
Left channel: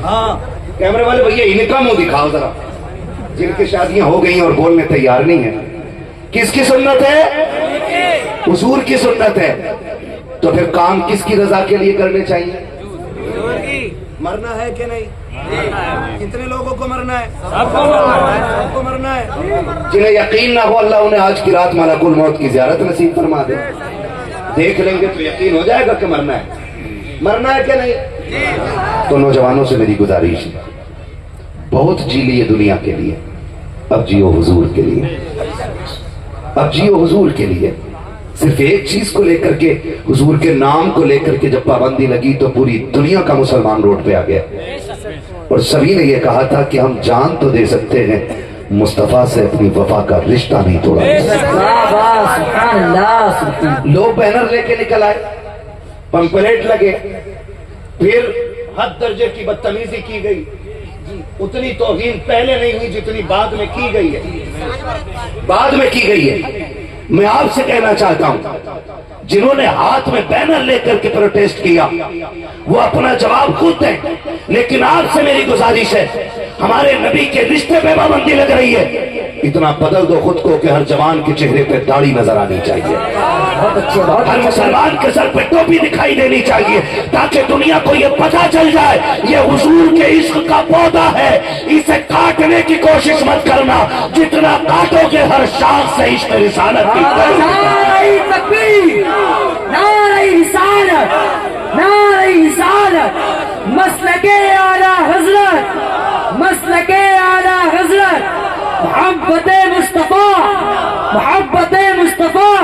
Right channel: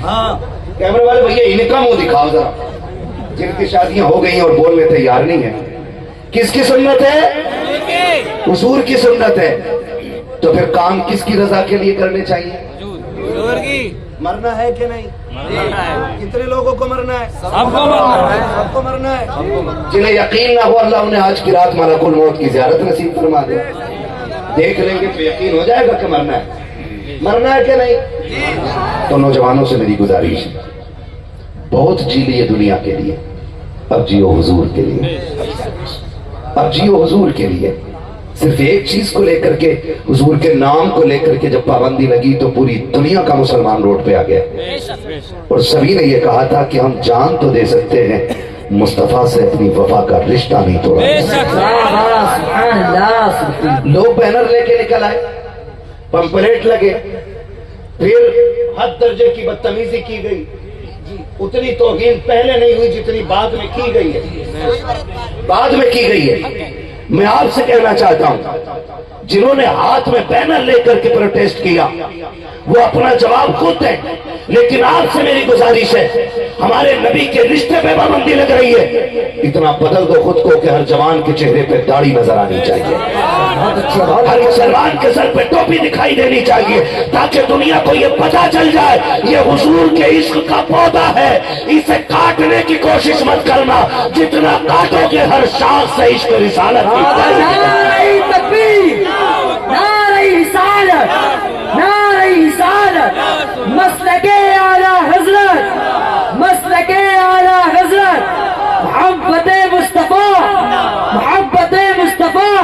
ہاں, کیمرے والے بھیا ان کا منہ دکھاؤ ذرا, جن کی شادیاں ہو گئی اور بولنے تیار نہیں ہے. کس کی سنت ہے؟ حضور کی سنت ہے. تو پھر کام کس کی رضا کے لیے کرنے چاہیے؟ مرنا ہے کہ نہیں؟ کتنے لوگوں کو مرنا ہے؟ سب کو مرنا ہے. جنہیں یقین نہ ہو, اللہ انہیں آج کی رات ملک الموت کی زیارت نصیب فرما دے. دیکھ لیں گے تو یقین ہو جائے گا کہ مرنا ہے. مرنا ہے کہ نہیں؟ تو نوجوانوں سے میری گزارش ہے, بہت جی لیے دنیا کے لیے, اب جیو حضور کے لیے, اب جیو حضور کے لیے. صرف ایک چیز کو لے کر کے, حضور کے نام کو لے کر کے جب پابندی لگی تو پوری دنیا کا مسلمان روڈ پہ آ گیا, اور سبھی نے یہ کہا تھا کہ ہم جان تو دے سکتے ہیں, مصطفیٰ سے اپنی وفا کا رشتہ نہیں توڑا. سبحان اللہ. لوگ بینر لے کے نکل آئے, پمپلیٹ لگے, پھر حد درجے کی بدتمیزی کی گئی. اتنی توہین پہلے نہیں ہوئی جتنی بعد میں کی گئی ہے, بعد میں کی گئی ہے. میں آپ سے کہنا چاہتا ہوں, جنہوں نے ہاتھ میں بینر لے کر کے پروٹیسٹ کیا وہ اپنا جواب خود دیں, لیکن آپ سے میری گزارش ہے, ہمارے نبی کے رشتے پہ پابندی لگ رہی ہے, اتنا بدل دو خود کو کہ ہر جوان کے چہرے پہ داڑھی نظر آنی چاہیے, ہر مسلمان کے سر پہ ٹوپی دکھائی دینی چاہیے, تاکہ دنیا کو یہ پتہ چل جائے یہ حضور کے عشق کا پودا ہے, اسے کاٹنے کی کوشش مت کرنا, جتنا کاٹو گے ہر شاخ سے عشق رسالت کی. نعرہ تکبیر, نعرہ رسالت, نعرہ رسالت, مسلک اعلی حضرت, مسلک اعلی حضرت, محبت مصطفیٰ, محبت مصطفیٰ.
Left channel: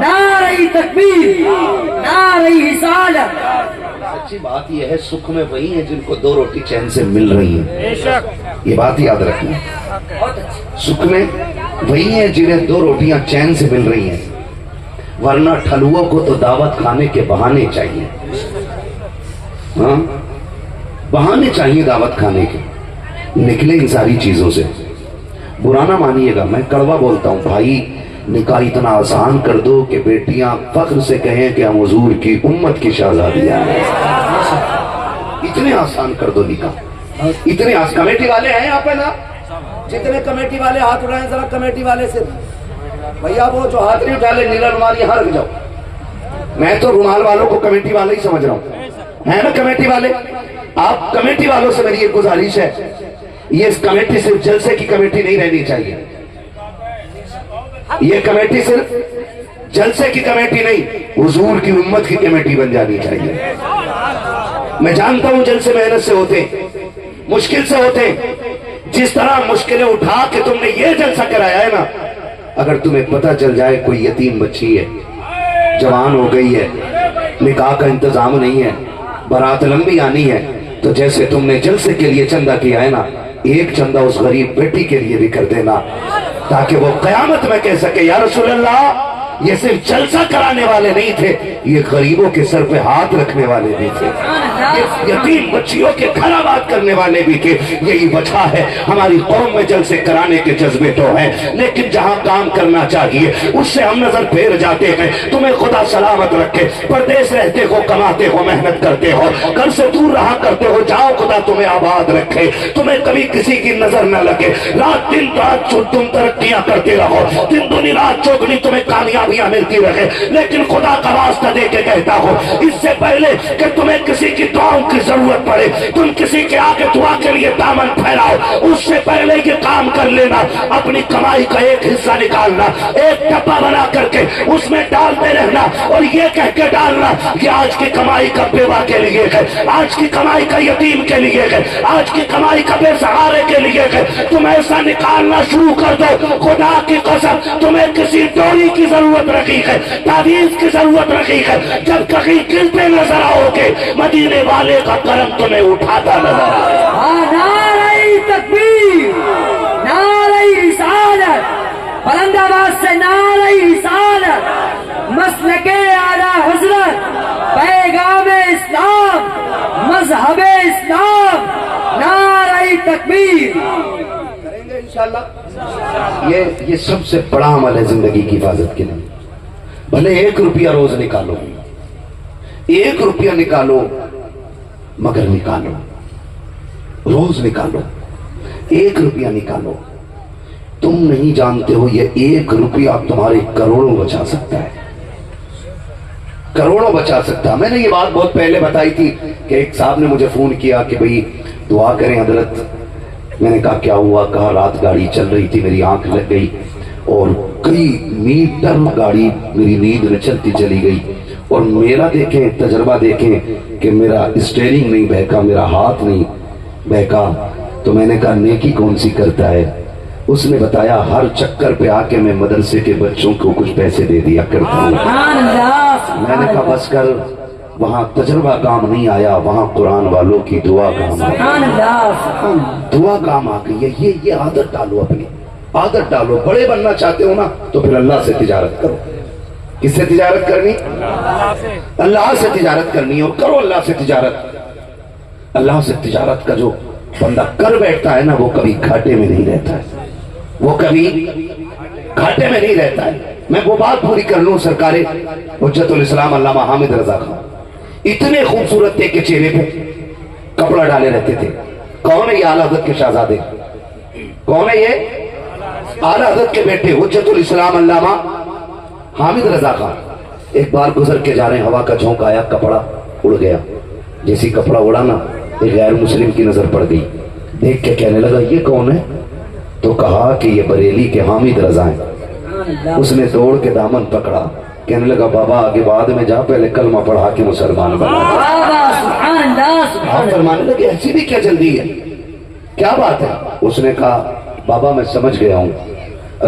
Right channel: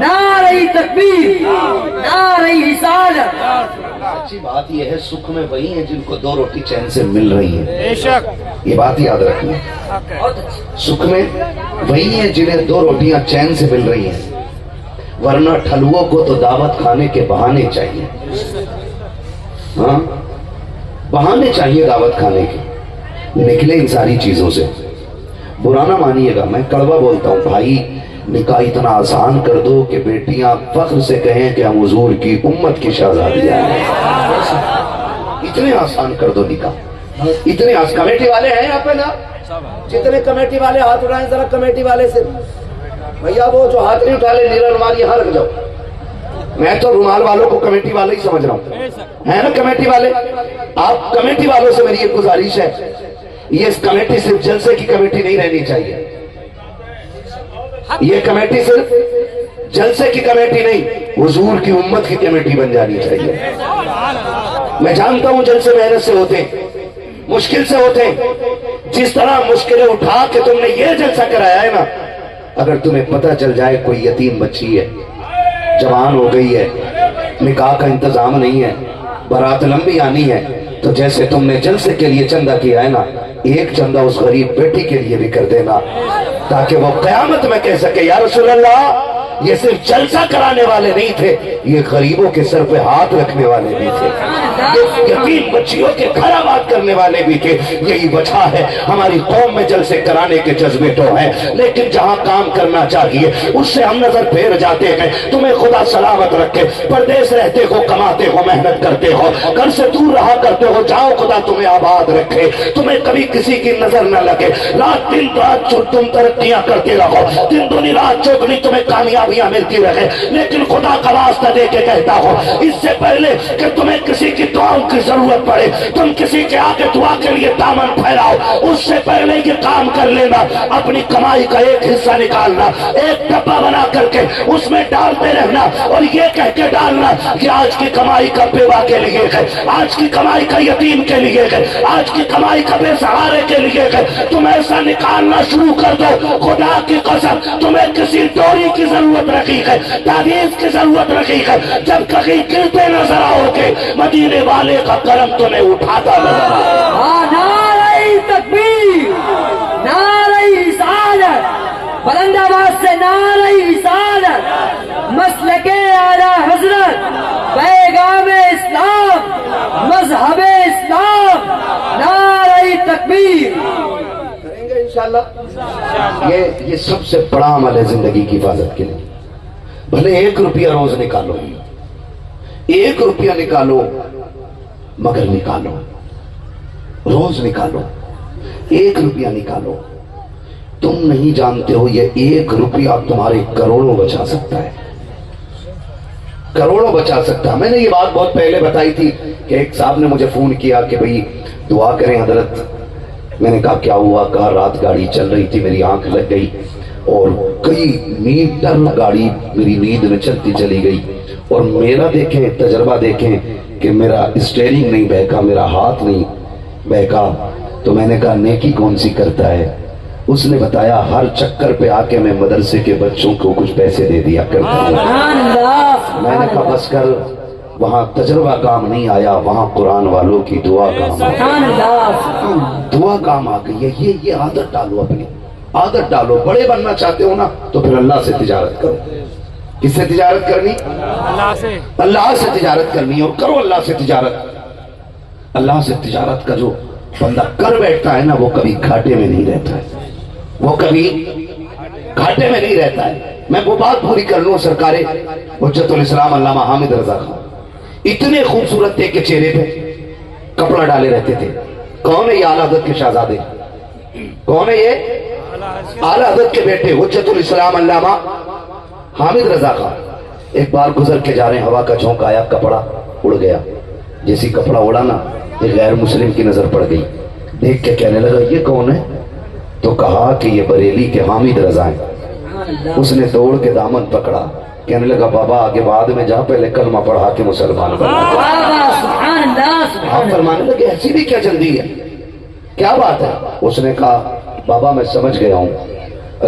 نعرہ تکبیر, نعرہ رسالت. اچھی بات یہ ہے, سکھ میں وہی ہیں جن کو 2 روٹی چین سے مل رہی ہیں, یہ بات یاد رکھنا. سکھ میں وہی ہیں جنہیں 2 روٹیاں چین سے مل رہی ہیں, ورنہ ٹھلووں کو تو دعوت کھانے کے بہانے چاہیے. ہاں, بہانے چاہیے دعوت کھانے کے. نکلے ان ساری چیزوں سے. برا نہ مانیے گا, میں کڑوا بولتا ہوں بھائی, نکاح اتنا آسان کر دو کہ بیٹیاں فخر سے کہیں کہ ہم حضور کی امت کی شہزادیاں ہیں. اتنے آسان کر دو نکاح, اتنے آسان. کمیٹی والے ہیں یہاں پہ نا, جتنے کمیٹی والے ہاتھ اٹھائیں ذرا کمیٹی والے سے. بھیا وہ جو ہاتھ نہیں اٹھالے نیلا رومال یہاں رکھ جاؤ. میں تو رومال والوں کو کمیٹی والے ہی سمجھ رہا ہوں, ہے نا کمیٹی والے. آپ کمیٹی والوں سے میری ایک گزارش ہے, یہ کمیٹی صرف جلسے کی کمیٹی نہیں رہنی چاہیے، یہ کمیٹی صرف جلسے کی کمیٹی نہیں، حضور کی امت کی کمیٹی بن جانی چاہیے۔ میں جانتا ہوں جلسے محنت سے ہوتے ہیں، مشکل سے ہوتے ہیں، جس طرح مشکلیں اٹھا کے تم نے یہ جلسہ کرایا ہے نا، اگر تمہیں پتہ چل جائے کوئی یتیم بچی ہے، جوان ہو گئی ہے، نکاح کا انتظام نہیں ہے، بارات لمبی آنی ہے، تو جیسے تم نے جلسے کے لیے چندہ کیا ہے نا، ایک چندہ اس غریب بیٹی کے لیے بھی کر دینا، تاکہ وہ قیامت میں کہہ سکے یا رسول اللہ یہ صرف جلسہ کرانے والے نہیں تھے، یہ غریبوں کے سر پہ ہاتھ رکھنے والے بھی تھے، یہ یتیم بچیوں کے گھر آباد کرنے والے بھی تھے۔ یہی وجہ ہے ہماری قوم میں جلسے کرانے کے جذبے تو ہیں، لیکن جہاں کام کرنا چاہیے اس سے ہم نظر پھیر جاتے ہیں۔ تمہیں خدا سلامت رکھے، پردیس رہتے ہو، کماتے ہو، محنت کرتے ہو، گھر سے دور رہا کرتے ہو، جاؤ خدا تمہیں آباد رکھے، تمہیں کبھی کسی کی نظر نہ لگے، رات دن رات تم ترقیاں کرتے رہو، دن دنی رات چوگنی تمہیں کامیابیاں ملتی رہے، لیکن خدا کا واسطہ دے کے کہتا ہو اس سے پہلے کہ تمہیں کسی کی دعاؤں کی ضرورت پڑے، تم کسی کے آگے دعا کے لیے دامن پھیلاؤ، اس سے پہلے یہ کام کر لینا، اپنی کمائی کا ایک حصہ نکالنا، ایک ڈبہ بنا کر کے اس میں ڈالتے رہنا، اور یہ کہہ کے ڈالنا کہ آج کی کمائی کا بیوہ کے لیے ہے، آج کی کمائی کا یتیم کے لیے ہے، آج کی کمائی کا بے سہارے کے لیے ہے۔ تم ایسا نکالنا شروع کر دو، خدا کی قسم تمہیں کسی ڈوری کی ضرورت رکھی ہے، تعویذ کی ضرورت رکھی ہے، جب کہیں گرتے نظر آؤ گے مدینے والے کا کرم تمہیں اٹھاتا نظر آئے۔ نعرہ تکبیر، نعرہ رسالت، بلند آواز سے نعرہ رسالت، مسلک اعلی حضرت، پیغام اسلام، مذہب اسلام، نعرہ تکبیر۔ کریں گے انشاءاللہ۔ یہ سب سے بڑا عمل ہے زندگی کی حفاظت کے لیے۔ بھلے 1 روپیہ روز نکالو، 1 روپیہ نکالو، مگر نکالو، روز نکالو، 1 روپیہ نکالو۔ تم نہیں جانتے ہو یہ 1 روپیہ تمہارے کروڑوں بچا سکتا ہے، کروڑوں بچا سکتا ہے۔ میں نے یہ بات بہت پہلے بتائی تھی کہ ایک صاحب نے مجھے فون کیا کہ بھئی دعا کریں حضرت۔ میں نے کہا کیا ہوا؟ کہا رات گاڑی چل رہی تھی، میری آنکھ لگ گئی اور کئی میٹر گاڑی میری نیند میں چلتی چلی گئی، اور میرا دیکھیں تجربہ دیکھیں کہ میرا اسٹیئرنگ نہیں بہکا، میرا ہاتھ نہیں بہکا۔ تو میں نے کہا نیکی کون سی کرتا ہے؟ اس نے بتایا ہر چکر پہ آ کے میں مدرسے کے بچوں کو کچھ پیسے دے دیا کرتا ہوں۔ میں نے کہا بس کر، وہاں تجربہ کام نہیں آیا، وہاں قرآن والوں کی دعا کام آئی، دعا کام آ گئی ہے۔ یہ عادت ڈالو، اپنی عادت ڈالو۔ بڑے بننا چاہتے ہو نا تو پھر اللہ سے تجارت کرو۔ کس سے تجارت کرنی؟ اللہ سے تجارت کرنی، اور کرو اللہ سے تجارت۔ اللہ سے تجارت کا جو بندہ کر بیٹھتا ہے نا وہ کبھی گھاٹے میں نہیں رہتا ہے، وہ کبھی گھاٹے میں نہیں رہتا ہے۔ میں وہ بات پوری کر لوں، سرکار حجت الاسلام علامہ حامد رضا خان اتنے خوبصورت تھے کہ چہرے پہ کپڑا ڈالے رہتے تھے۔ کون ہے یہ؟ اعلیٰ حضرت کے شہزادے۔ کون ہے یہ؟ اعلیٰ حضرت کے بیٹے حجت الاسلام علامہ حامد رضا خان۔ ایک بار گزر کے جا رہے ہیں، ہوا کا جھونکا آیا، کپڑا اڑ گیا۔ جیسی کپڑا اڑا نا ایک غیر مسلم کی نظر پڑ گئی، دیکھ کے کہنے لگا یہ کون ہے؟ تو کہا کہ یہ بریلی کے حامد رضا ہیں۔ اس نے دوڑ کے دامن پکڑا، کہنے لگا بابا آگے بعد میں جا، پہلے کلمہ پڑھا کے مسلمان بنا۔ ہم فرمانے لگے ایسی بھی کیا جلدی ہے، کیا بات ہے؟ اس نے کہا بابا میں سمجھ گیا ہوں،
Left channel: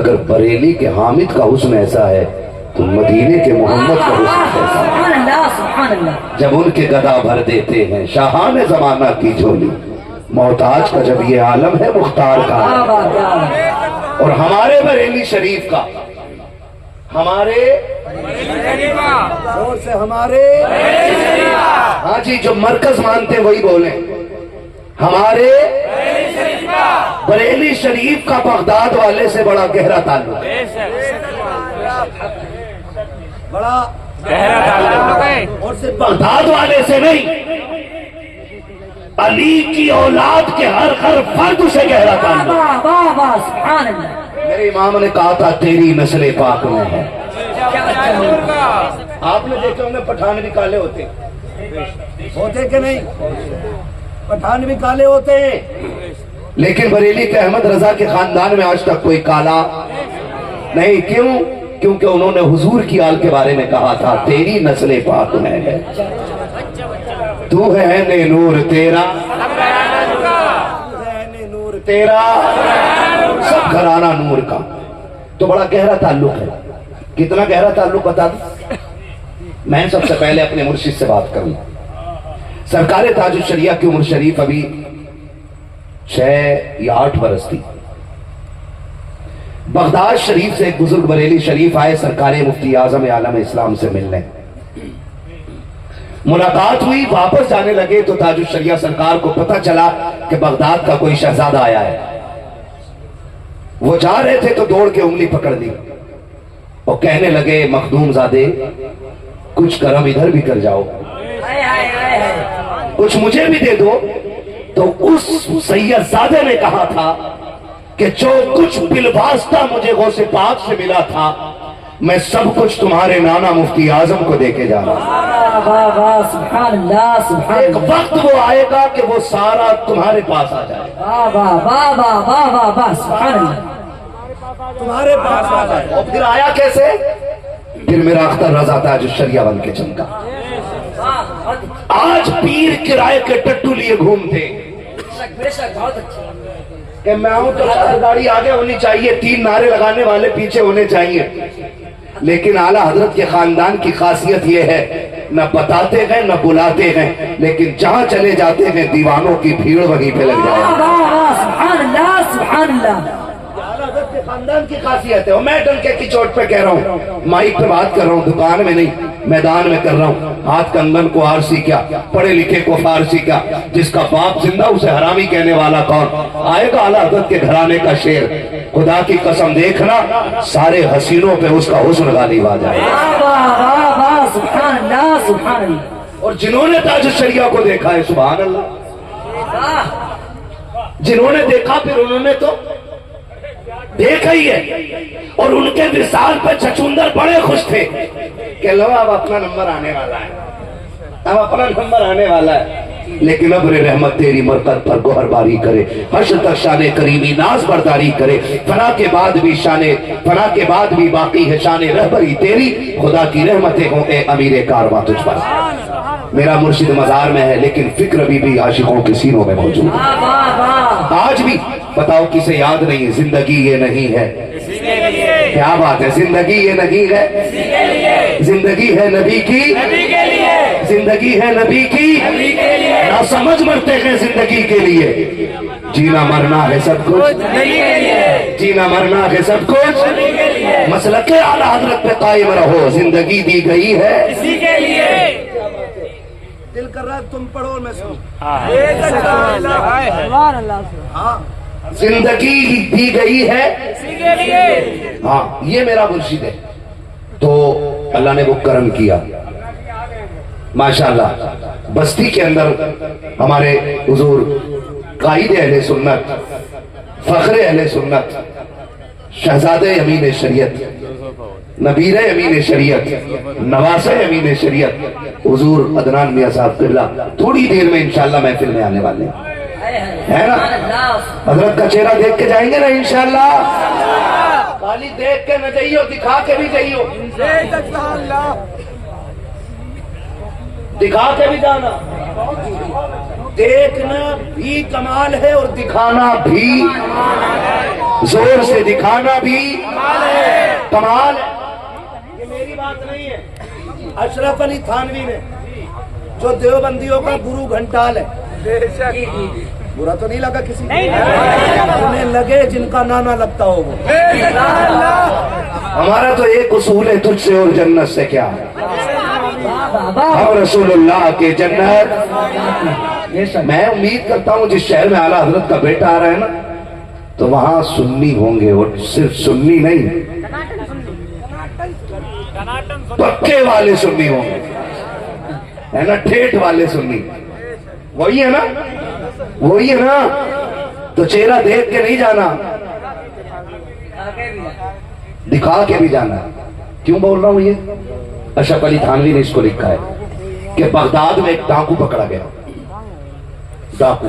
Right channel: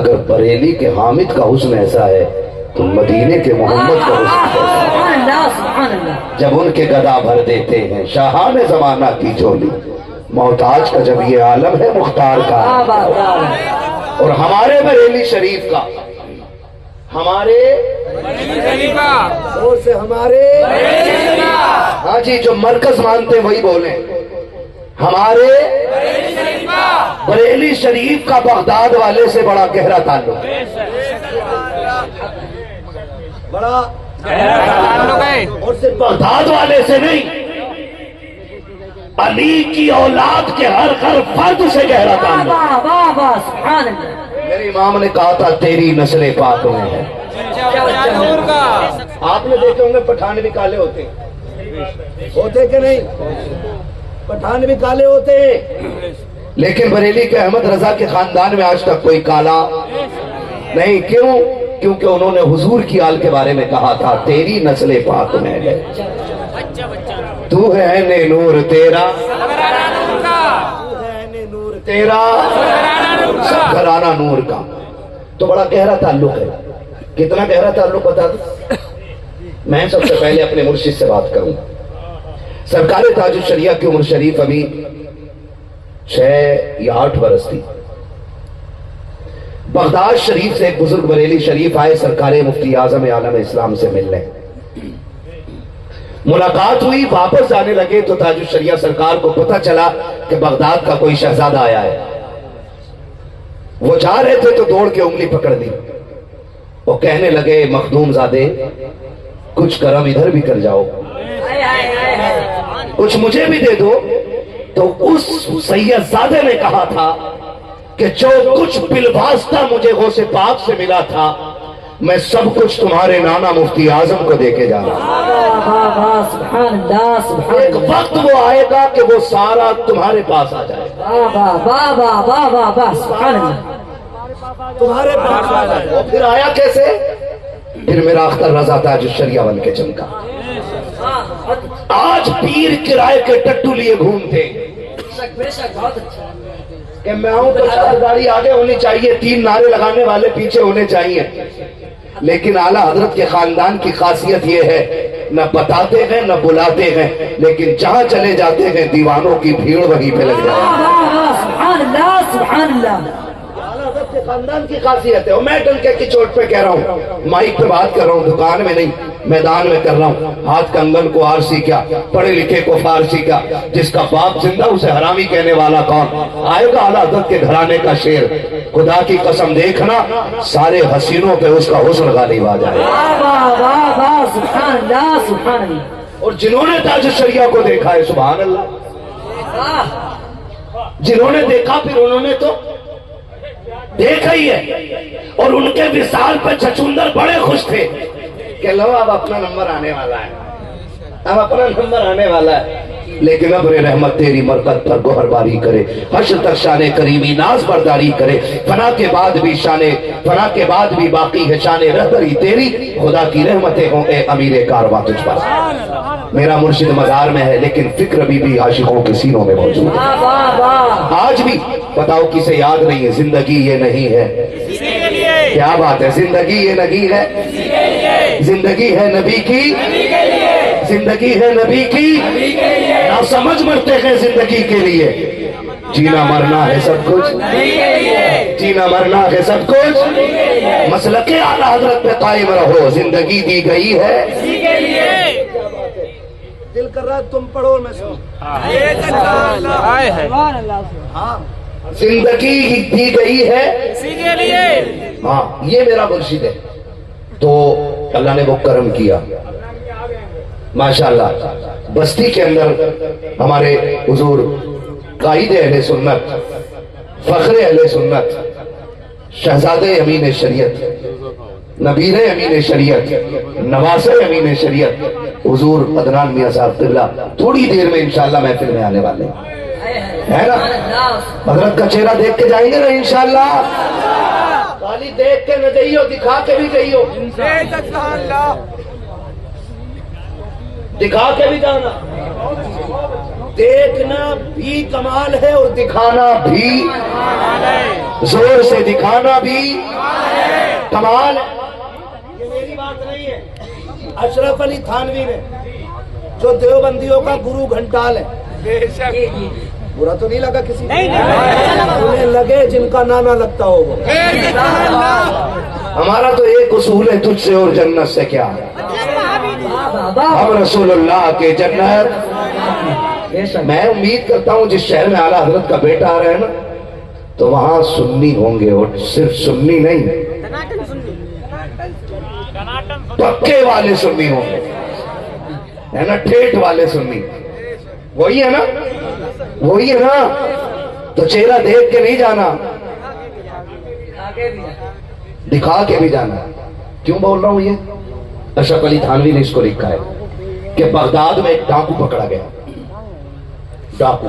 اگر بریلی کے حامد کا حسن ایسا ہے تو مدینے کے محمد کا حسن کیسا ہے؟ جب ان کے گدا بھر دیتے ہیں شاہان زمانہ کی جھولی، محتاج کا جب یہ عالم ہے مختار کا عالم۔ اور ہمارے بریلی شریف کا، ہمارے اور سے ہمارے، ہاں جی جو مرکز مانتے ہیں وہی بولیں، ہمارے بریلی شریف کا بغداد والے سے بڑا گہرا تعلق ہے، بڑا اور صرف بغداد والے سے نہیں، علی کی اولاد کے ہر فرد سے گہرا تعلق۔ میرے امام نے کہا تھا تیری نسل پاک میں ہے۔ آپ نے دیکھے ہوں گے پٹھان بھی کالے ہوتے کہ نہیں؟ پٹھان بھی کالے ہوتے ہیں، لیکن بریلی کے احمد رضا کے خاندان میں آج تک کوئی کالا نہیں. کیوں؟ کیونکہ انہوں نے حضور کی آل کے بارے میں کہا تھا تیری نسل پاک میں ہے, تو ہے نور تیرا, تیرا سب گھرانہ نور کا. تو بڑا گہرا تعلق ہے. کتنا گہرا تعلق بتا دوں. میں سب سے پہلے اپنے مرشد سے بات کروں. سرکار تاج الشریعہ کی عمر شریف ابھی 6 یا 8 برس تھی. بغداد شریف سے ایک بزرگ بریلی شریف آئے سرکار مفتی اعظم عالم اسلام سے ملنے. ملاقات ہوئی, واپس جانے لگے تو تاج الشریعہ سرکار کو پتہ چلا کہ بغداد کا کوئی شہزادہ آیا ہے. وہ جا رہے تھے تو دوڑ کے انگلی پکڑ لی اور کہنے لگے مخدوم زادے کچھ کرم ادھر بھی کر جاؤ, کچھ مجھے بھی دے دو. تو اس سید زادے نے کہا تھا کہ جو کچھ بالواسطہ مجھے غوث پاک سے ملا تھا میں سب کچھ تمہارے نانا مفتی اعظم کو دے کے جا رہا ہوں. ایک وقت وہ آئے گا کہ وہ سارا تمہارے پاس آ جائے گا, تمہارے پاس آ جائے گا. اور پھر آیا کیسے؟ پھر میرا اختر رضا تاج الشریعہ بن کے چمکا. آج پیر کرائے کے ٹٹو لیے گھومتے کہ میں آؤں تو گاڑی آگے ہونی چاہیے, 3 نعرے لگانے والے پیچھے ہونے چاہیے. لیکن اعلیٰ حضرت کے خاندان کی خاصیت یہ ہے نہ بتاتے ہیں نہ بلاتے ہیں, لیکن جہاں چلے جاتے ہیں دیوانوں کی بھیڑ وہیں پہ لگ جائے. سبحان اللہ سبحان اللہ. حضرت کے خاندان کی خاصیت ہے. اور میں ڈنکے کی چوٹ پہ کہہ رہا ہوں, مائک پہ بات کر رہا ہوں, دکان میں نہیں میدان میں کر رہا ہوں. ہاتھ کنگن کو آرسی کیا, پڑھے لکھے کو فارسی کیا, جس کا باپ زندہ اسے حرامی کہنے والا کون. آئے گا اعلیٰ حضرت کے گھرانے کا شیر, خدا کی قسم دیکھنا سارے حسینوں پہ اس کا حسن غالب آ جائے. سبحان اللہ سبحان اللہ. اور جنہوں نے تاج الشریعہ کو دیکھا ہے سبحان اللہ, جنہوں نے دیکھا پھر انہوں نے تو دیکھا ہی ہے. اور ان کے وصال پہ چھچوندر بڑے خوش تھے کہ لو اب اپنا نمبر آنے والا ہے, اب اپنا نمبر آنے والا ہے. لیکن ابر رحمت تیری مرکت پر گوہر باری کرے, حشر تک شان کریمی ناز برداری کرے. فنا کے بعد بھی فنا کے بعد بھی باقی ہے شان رہبری تیری, خدا کی رحمتیں ہوں اے امیر کارواں تجھ پر. میرا مرشد مزار میں ہے لیکن فکر ابھی بھی عاشقوں کے سینوں میں موجود ہے. آج بھی بتاؤ کسے یاد نہیں ہے زندگی یہ نہیں ہے. کیا بات ہے, زندگی یہ نہیں ہے, زندگی ہے نبی کی, زندگی ہے نبی کی. نہ سمجھ مرتے ہیں زندگی کے لیے, جینا مرنا ہے سب کچھ, جینا مرنا ہے سب کچھ. مسلک اعلیٰ حضرت پہ قائم رہو, زندگی دی گئی ہے. دل کر رہا ہے تم پڑھو میں سنوں. زندگی دی گئی ہے. ہاں یہ میرا مرشد ہے. تو اللہ نے وہ کرم کیا ماشاءاللہ. بستی کے اندر ہمارے حضور قائد اہل سنت, فخر اہل سنت, شہزادے امین شریعت, نبیر امین شریعت, نواس امین شریعت حضور عدنان میاں صاحب قبلہ تھوڑی دیر میں انشاءاللہ محفل میں آنے والے ہیں نا. حضرت کا چہرہ دیکھ کے جائیں گے نا انشاءاللہ. خالی دیکھ کے نہ جائیو, دکھا کے بھی جائیو, دکھا کے بھی جانا. دیکھنا بھی کمال ہے اور دکھانا بھی, زور سے دکھانا بھی کمال ہے. یہ میری بات نہیں ہے, اشرف علی تھانوی نے جو دیوبندیوں کا گرو گھنٹال ہے, برا تو نہیں لگا کسی انہیں لگے جن کا نانا لگتا ہو وہ. ہمارا تو ایک اصول ہے, تجھ سے اور جنت سے کیا ہے, ہم رسول اللہ کے جنت. میں امید کرتا ہوں جس شہر میں اعلیٰ حضرت کا بیٹا آ رہا ہے نا تو وہاں سنی ہوں گے, اور صرف سنی نہیں پکے والے سنی ہوں گے, ہے نا, ٹھیٹ والے سنی. وہی ہے نا, وہی ہے نا. تو چہرہ دیکھ کے نہیں جانا, دکھا کے بھی جانا. کیوں بول رہا ہوں یہ؟ اشرف علی تھانوی نے اس کو لکھا ہے کہ بغداد میں ایک ڈاکو پکڑا گیا. ڈاکو